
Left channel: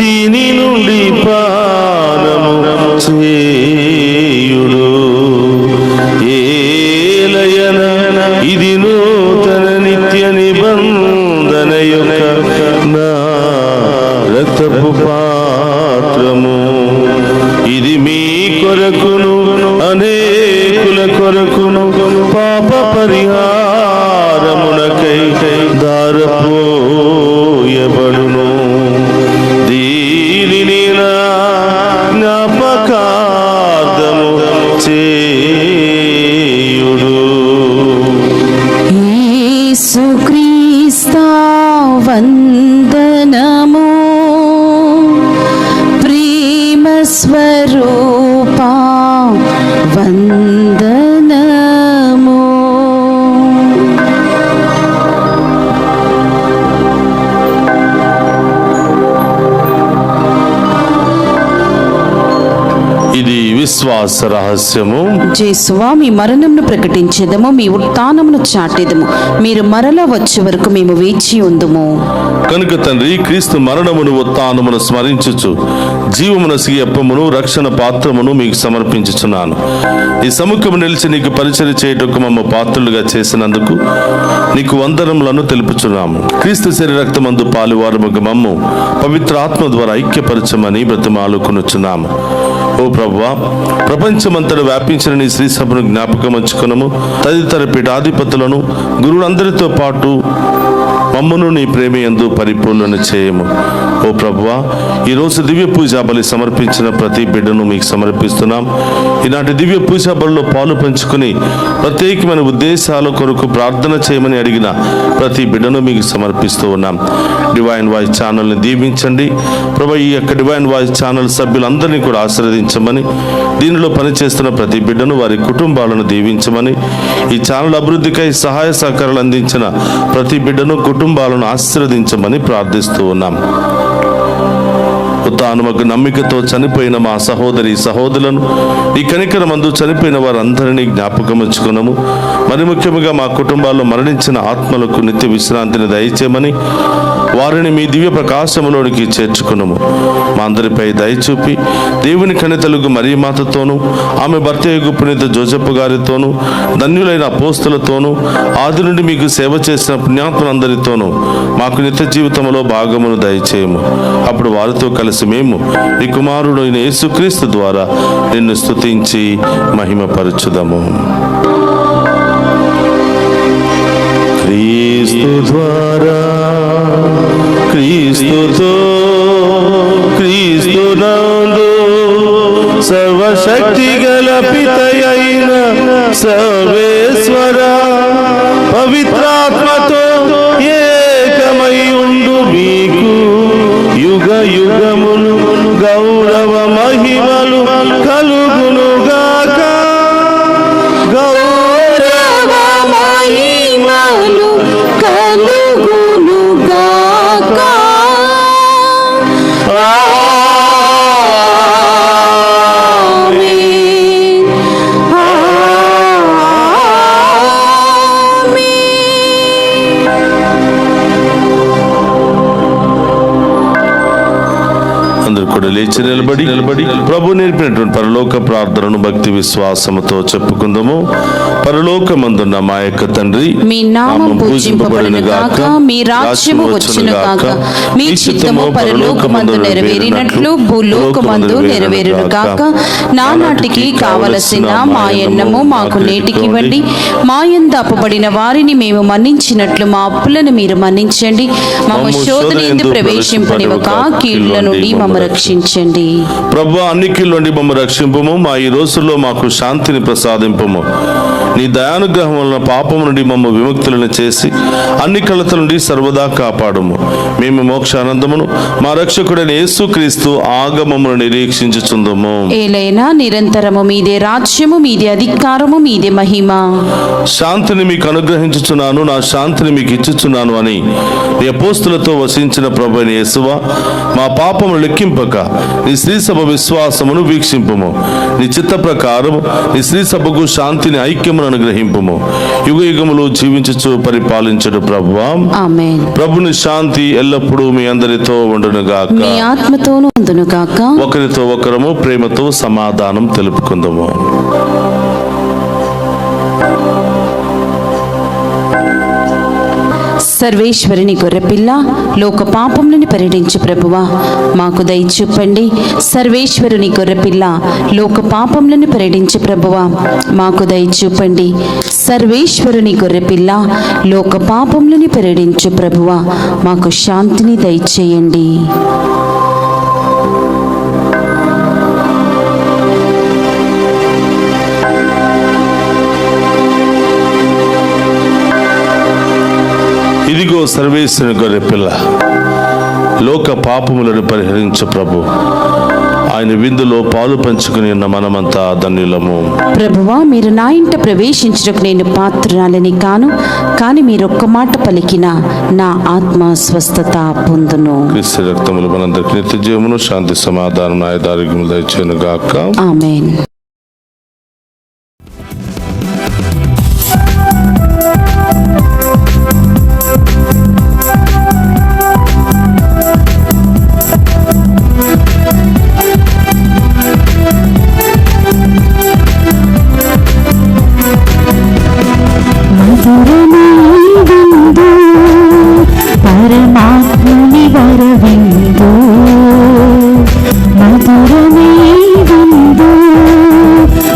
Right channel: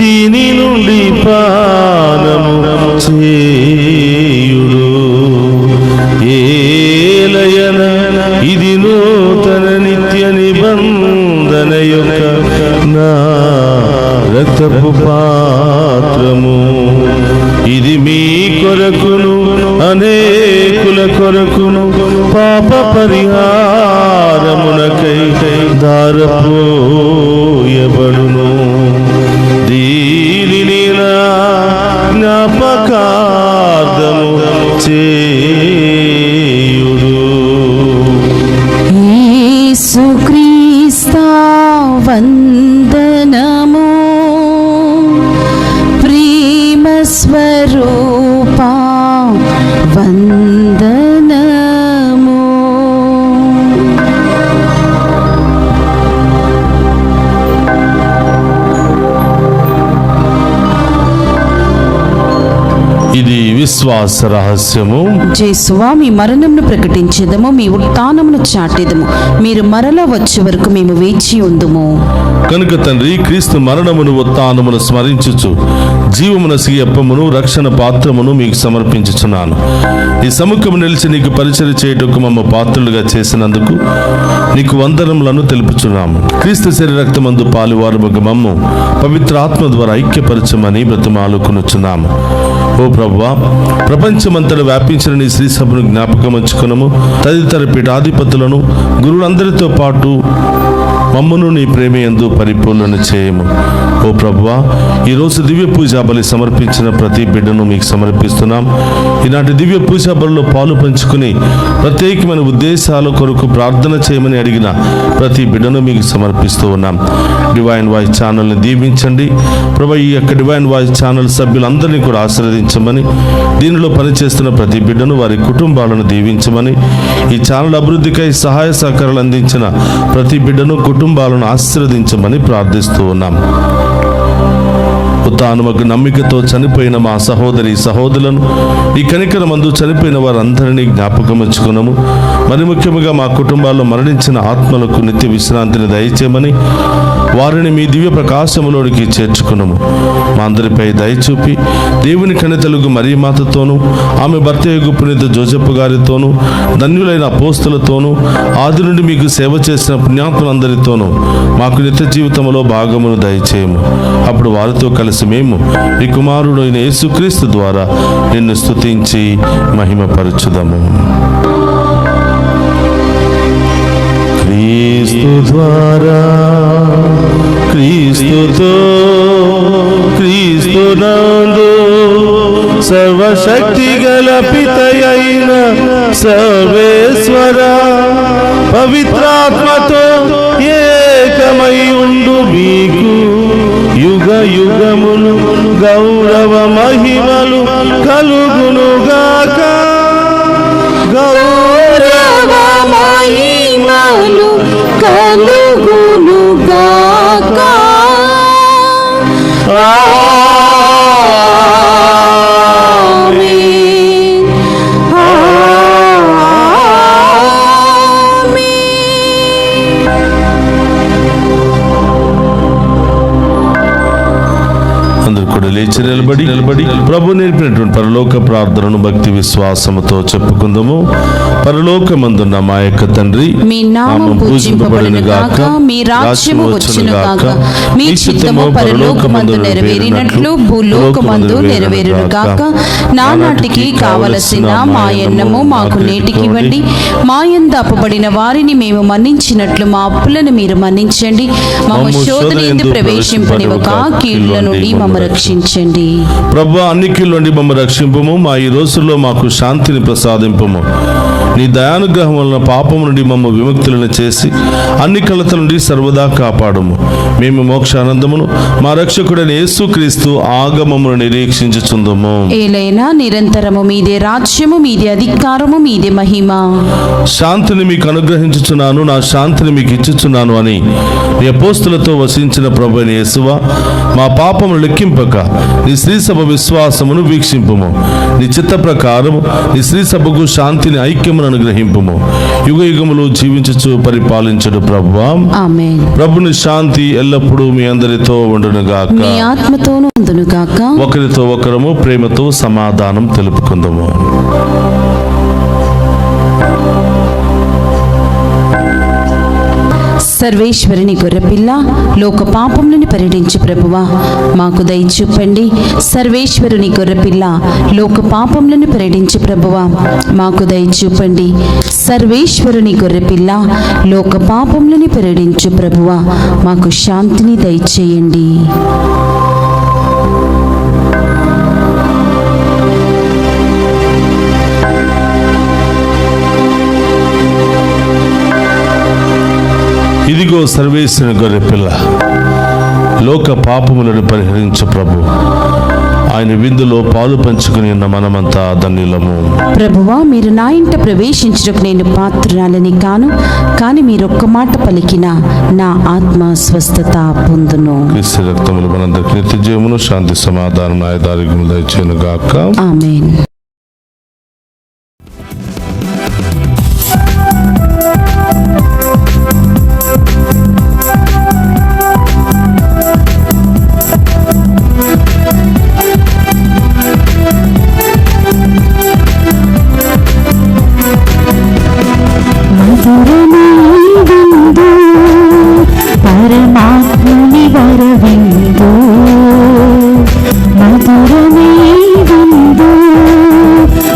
దీని నుండి పానము చేయుడు. కొరకును అనేకుల కొరకును పాప పరిహారమునకై దారపోయబడును. దీనిని నా జ్ఞాపకార్థము చేయుడు. యేసుక్రీస్తా వందనము, ప్రేమ స్వరూపా వందనము. ఇది విశ్వాస రహస్యము. జేసువా, మీ మరణమును ప్రకటించేదము, మీ ఉత్థానమును చాటెదము. మీరు మరల వచ్చే వరకు మేము వేచి ఉందుము. కనుక తండ్రి, క్రీస్తు మరణమును ఉత్థానమును స్మరించుచు జీవమునసి అప్పమును రక్షణ పాత్రమును మీకు సమర్పించుచున్నాను. ఈ సముఖము నిలిచి నీకు పరిచర్య చేయుటకు మమ్మ పాత్రులుగా చేసినందుకు నీకు వందనములను తెలుపుచున్నాము. క్రీస్తు శరీర రక్తమందు పాలువారముగా మమ్ము పవిత్ర ఆత్మ ద్వారా ఐక్యపరచమని బ్రతిమాలుకొనుచున్నాము. ఓ ప్రభువా, ప్రపంచమంతటా వ్యాపించిన నీ శ్రీ సభను జ్ఞాపకం ఉంచుకునము. తదితర పీఠాధిపతులను గురువులందరితో పాటు మమ్మను నీ ప్రేమయందు పరిపూర్ణ చేయము. ఓ ప్రభువా, ఈరోజు దివ్య పూజా బలి సమర్పించిన ప్రతి బిడ్డను మీకు సమర్పిస్తున్నాం. ఈనాటి దివ్య పూజా బలిలో పాలు పంచుకుని ప్రత్యేకమైన ఉద్దేశాల కొరకు ప్రార్థన చేయమని అడిగిన ప్రతి బిడ్డను మీకు సమర్పిస్తూ ఉన్నాం. డివైన్ వాయిస్ ఛానల్ని దీవించండి ప్రభు. ఈ యొక్క డివైన్ వాయిస్ ఛానల్ సభ్యులందరినీ కూడా ఆశీర్వదించమని, దీనిలో పనిచేస్తున్న ప్రతి బిడ్డను వారి కుటుంబాలను దీవించమని, ఈ ఛానల్ అభివృద్ధికై సహాయ సహకారాలు అందించిన ప్రతి బిడ్డను కుటుంబాలను ఆశీర్వదించమని ప్రార్థిస్తూ ఉన్నాం. ఉత్థానముకు నమ్మికతో చనిపోయిన మా సహోదరి సహోదరులను ఈ కనికరమందు చనిపోయిన వారందరినీ జ్ఞాపకం ఉంచుకున్నాము. మరి ముఖ్యంగా మా కుటుంబాల్లో మరణించిన ఆత్మలకు నిత్య విశ్రాంతిని దయచేయమని వారిని మీ దివ్య ప్రకాశములోనికి చేర్చుకున్నాము. మా అందరిపై దయచూపి దేవుని కనితలుగు మరియమాతతోనూ ఆమె భర్త యొగు పునీత జోసెఫ్ గారితోనూ ధన్యులైన అపోస్తులతోనూ ఆది నుండి మీకు సేవ చేసిన పుణ్యాత్మలందరితోనూ మాకు నిత్య జీవితంలో భాగమును దయచేయము. అప్పుడు వారితో కలిసి మేము నీ కుమారుడైన యేసుక్రీస్తు ద్వారా నిన్ను స్తుతించి మహిమపరచుదము. క్రీస్తు ద్వారా, క్రీస్తుతో, క్రీస్తునందు సర్వశక్తి గల పితయైన సర్వేశ్వర పవిత్రాత్మతో ఏకమై ఉండు మీకు యుగ యుగములు గౌరవ మహిమలు కలుగునుగాక. గౌరవ మహిమలు కలుగునుగాక. అందరూ కూడా లేచి నిలబడి ప్రభు నేర్పినటువంటి పరలోక ప్రార్థనను భక్తి విశ్వాసముతో చెప్పుకుందాము. పరలోకమందున్న మా యొక్క తండ్రి, మీ నామం పూజింపబడును గాక, మీ రాజ్యము వచ్చును గాక, మీ చిత్తము పరలోకమందు నెరవేరినట్లు భూలోకమందు నెరవేరును గాక. నానాటికి కావలసిన మా అన్నము మాకు నేటికివ్వండి. మా యందు అప్పబడిన వారిని మేము మన్నించినట్లు మా అప్పులను మీరు మన్నించండి. మమ్ము శోధనయందు ప్రవేశింపనివ్వక కీడుల నుండి మమ్ము రక్షించండి. ప్రభువా, అన్ని కీళ్ళ నుండి మమ్మల్ని రక్షింపము. మా ఈ రోజుల్లో మాకు శాంతిని ప్రసాదింపము. నీ దయానుగ్రహం వలన పాపము నుండి మమ్మ విముక్తులను చేసి అన్ని కలతల నుండి సర్వదా కాపాడము. మేము మోక్షానందమును మా రక్షకుడైన యేసుక్రీస్తు ఆగమమును నిరీక్షించుచుందము. ఏలైనా నిరంతరము మీదే రాజ్యము, మీదే అధికారము, మీదే మహిమ. శాంతిని మీకు అనుగ్రహించుచున్నాను, నా శాంతిని మీకు ఇచ్చుచున్నాను అని నీ అపోస్తులతో వసించిన ప్రభువైన యేసువా, మా పాపమును లెక్కింపక నీ శ్రీ సభ విశ్వాసమును వీక్షింపుము. నీ చిత్త ప్రకారము నీ శ్రీ సభకు శాంతిని ఐక్యమును అనుగ్రహింపుము. యుగ యుగములు జీవించుచు పరిపాలించుడు ప్రభువా. ఆమేన్. ప్రభుని శాంతి ఎల్లప్పుడూ మీ అందరితో ఉండునుగాక, మీ ఆత్మతోనూ ఉండునుగాక. ఒకరితో ఒకరము ప్రేమతో సమాధానం తెలుపుకుందాము. సర్వేశ్వరుని గొర్రెపిల్ల, లోక పాపములను పరిహరించు ప్రభువా మాకు దయ చూపండి. సర్వేశ్వరుని గొర్రెపిల్ల, లోక పాపములను పరిహరించు ప్రభువా మాకు దయ చూపండి. సర్వేశ్వరుని గొర్రెపిల్ల, లోక పాపములను పరిహరించు ప్రభువా మాకు శాంతిని దయచేయండి. ఇదిగో సర్వేశ్వరుని గొర్రెపిల్ల, లోక పాపములను పరిహరించు ప్రభు. ఆయన విందులో పాలు పంచుకుని ఉన్న మనమంతా ధన్యులము. ప్రభువా, మీరు నా ఇంట ప్రవేశించుటకు నేను పాత్రురాలని కాను, కానీ మీరొక్క మాట పలికిన నా ఆత్మ స్వస్థత పొందును. క్రీస్తు రక్తములు మనందరికి నిత్య జీవమును, శాంతి, సమాధానం, ఆయుధారోగ్యములు దయచేయును గాక. ఆమేన్. పరమాత్ముని వరవిందు, మధురమే విందు,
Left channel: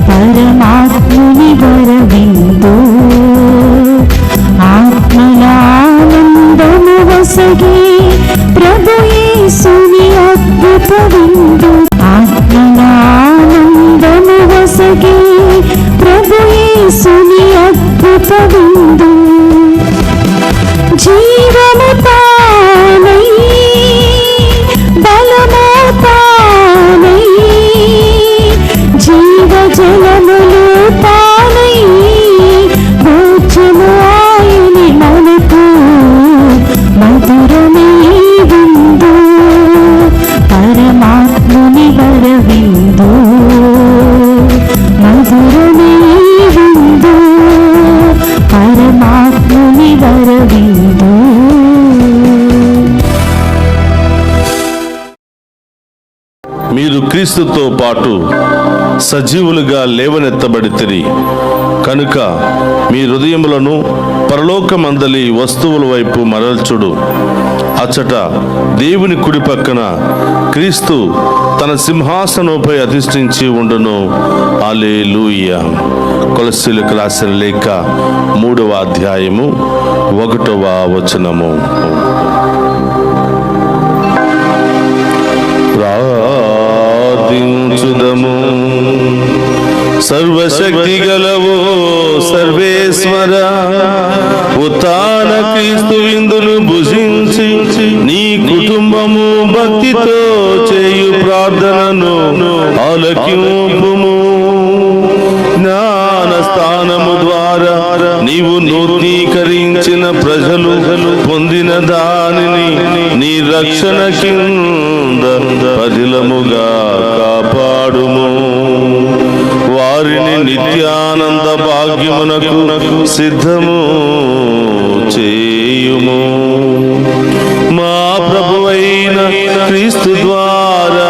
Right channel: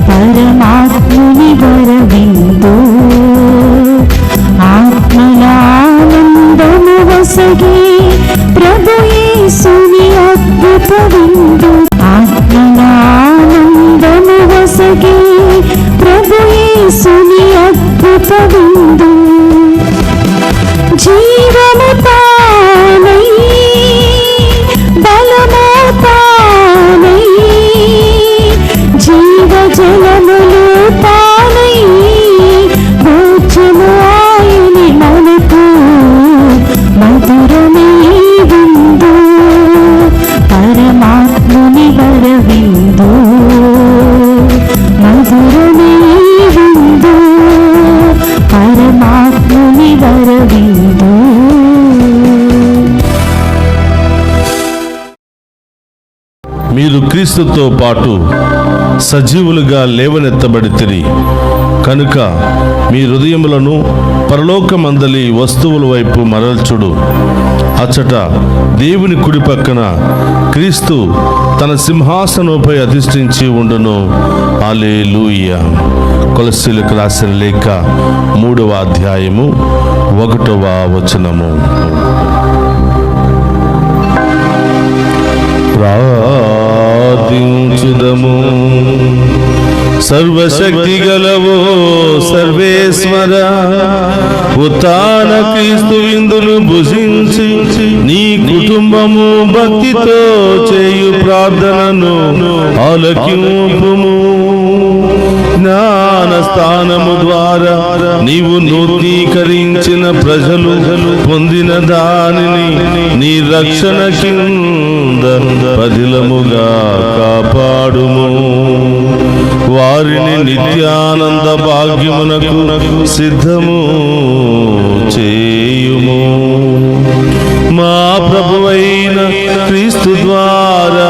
పరమాత్ముని వరవిందు, ఆత్మలానందము వసగి ప్రభు యేసుని అద్భుత విందు, ఆత్మలానందము వసగి ప్రభు యేసుని అద్భుత విందు, జీవము తానై బలము తానై జీవ జలములు తానై భోజము ఆయని మనకు మధురమే విందు, పరమాత్ముని వరవిందు, మధురమే విందు, పరమాత్ముని వరవిందు. మీరు క్రీస్తుతో పాటు సజీవులుగా లేవనెత్తబడితిరి కనుక మీ హృదయములను పరలోకమందలి వస్తువుల వైపు మరల్చుడు. అచ్చట దేవుని కుడి పక్కన క్రీస్తు తన సింహాసనంపై అధిష్ఠించి ఉండును. హల్లెలూయా. కొలస్సీయులకు రాసిన లేఖ 3వ అధ్యాయము 1వ వచనము. ప్రార్థించుదము. సర్వశక్తి గలవో సర్వేశ్వర, ఉత్థాన క్రీస్తు విందును భుజించి నీ కుటుంబము భక్తితో చేయు ప్రార్థనను ఆలకింపుము. జ్ఞాన స్థానము ద్వారా నీవు నూతనీకరించిన ప్రజలు పొందిన దానిని నీ రక్షణ కింద పదిలముగా కాపాడుము. వారిని నిత్యానంద భాగ్యమునకు సిద్ధము చేయుము. మా ప్రభువైన క్రీస్తు ద్వారా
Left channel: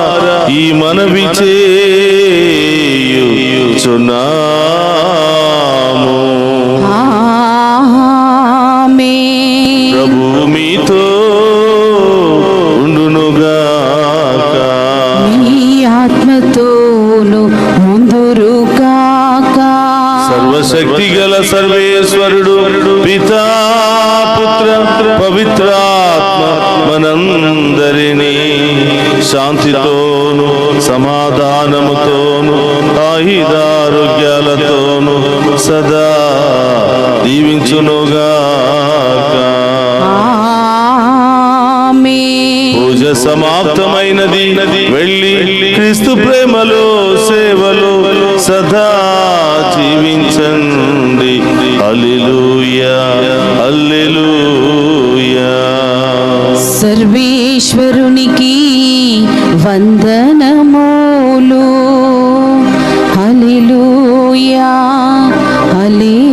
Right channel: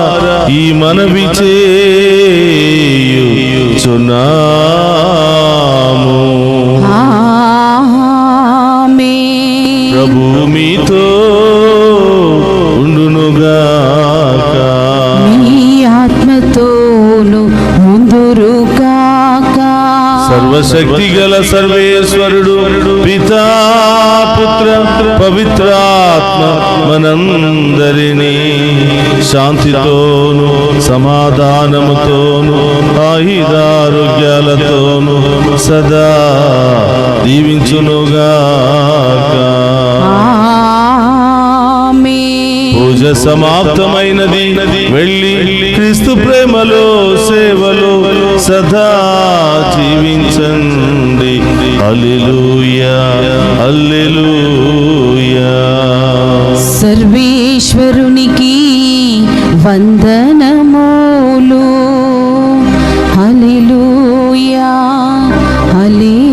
ఈ మనవి చేయుచున్నాము. ఆమేన్. ప్రభు మీతో ఉండునుగాక. మీ ఆత్మతోను ఉందురుగాక. సర్వశక్తి గల సర్వేశ్వరుడు పితా పుత్ర పవిత్రాత్మ మనందరినీ శాంతితోను సమాధానముతోను ఆయుధారోగ్యాలతోను సదా దీవించునుగాక. ఆమేన్. పూజ సమాప్తమైనది. వెళ్ళి క్రీస్తు ప్రేమలో సేవలో సదా జీవించండి. హల్లెలూయా, హల్లెలూయా. సర్వేశ్వరునికి వందనములు. హల్లెలూయా, హల్లెలూయా.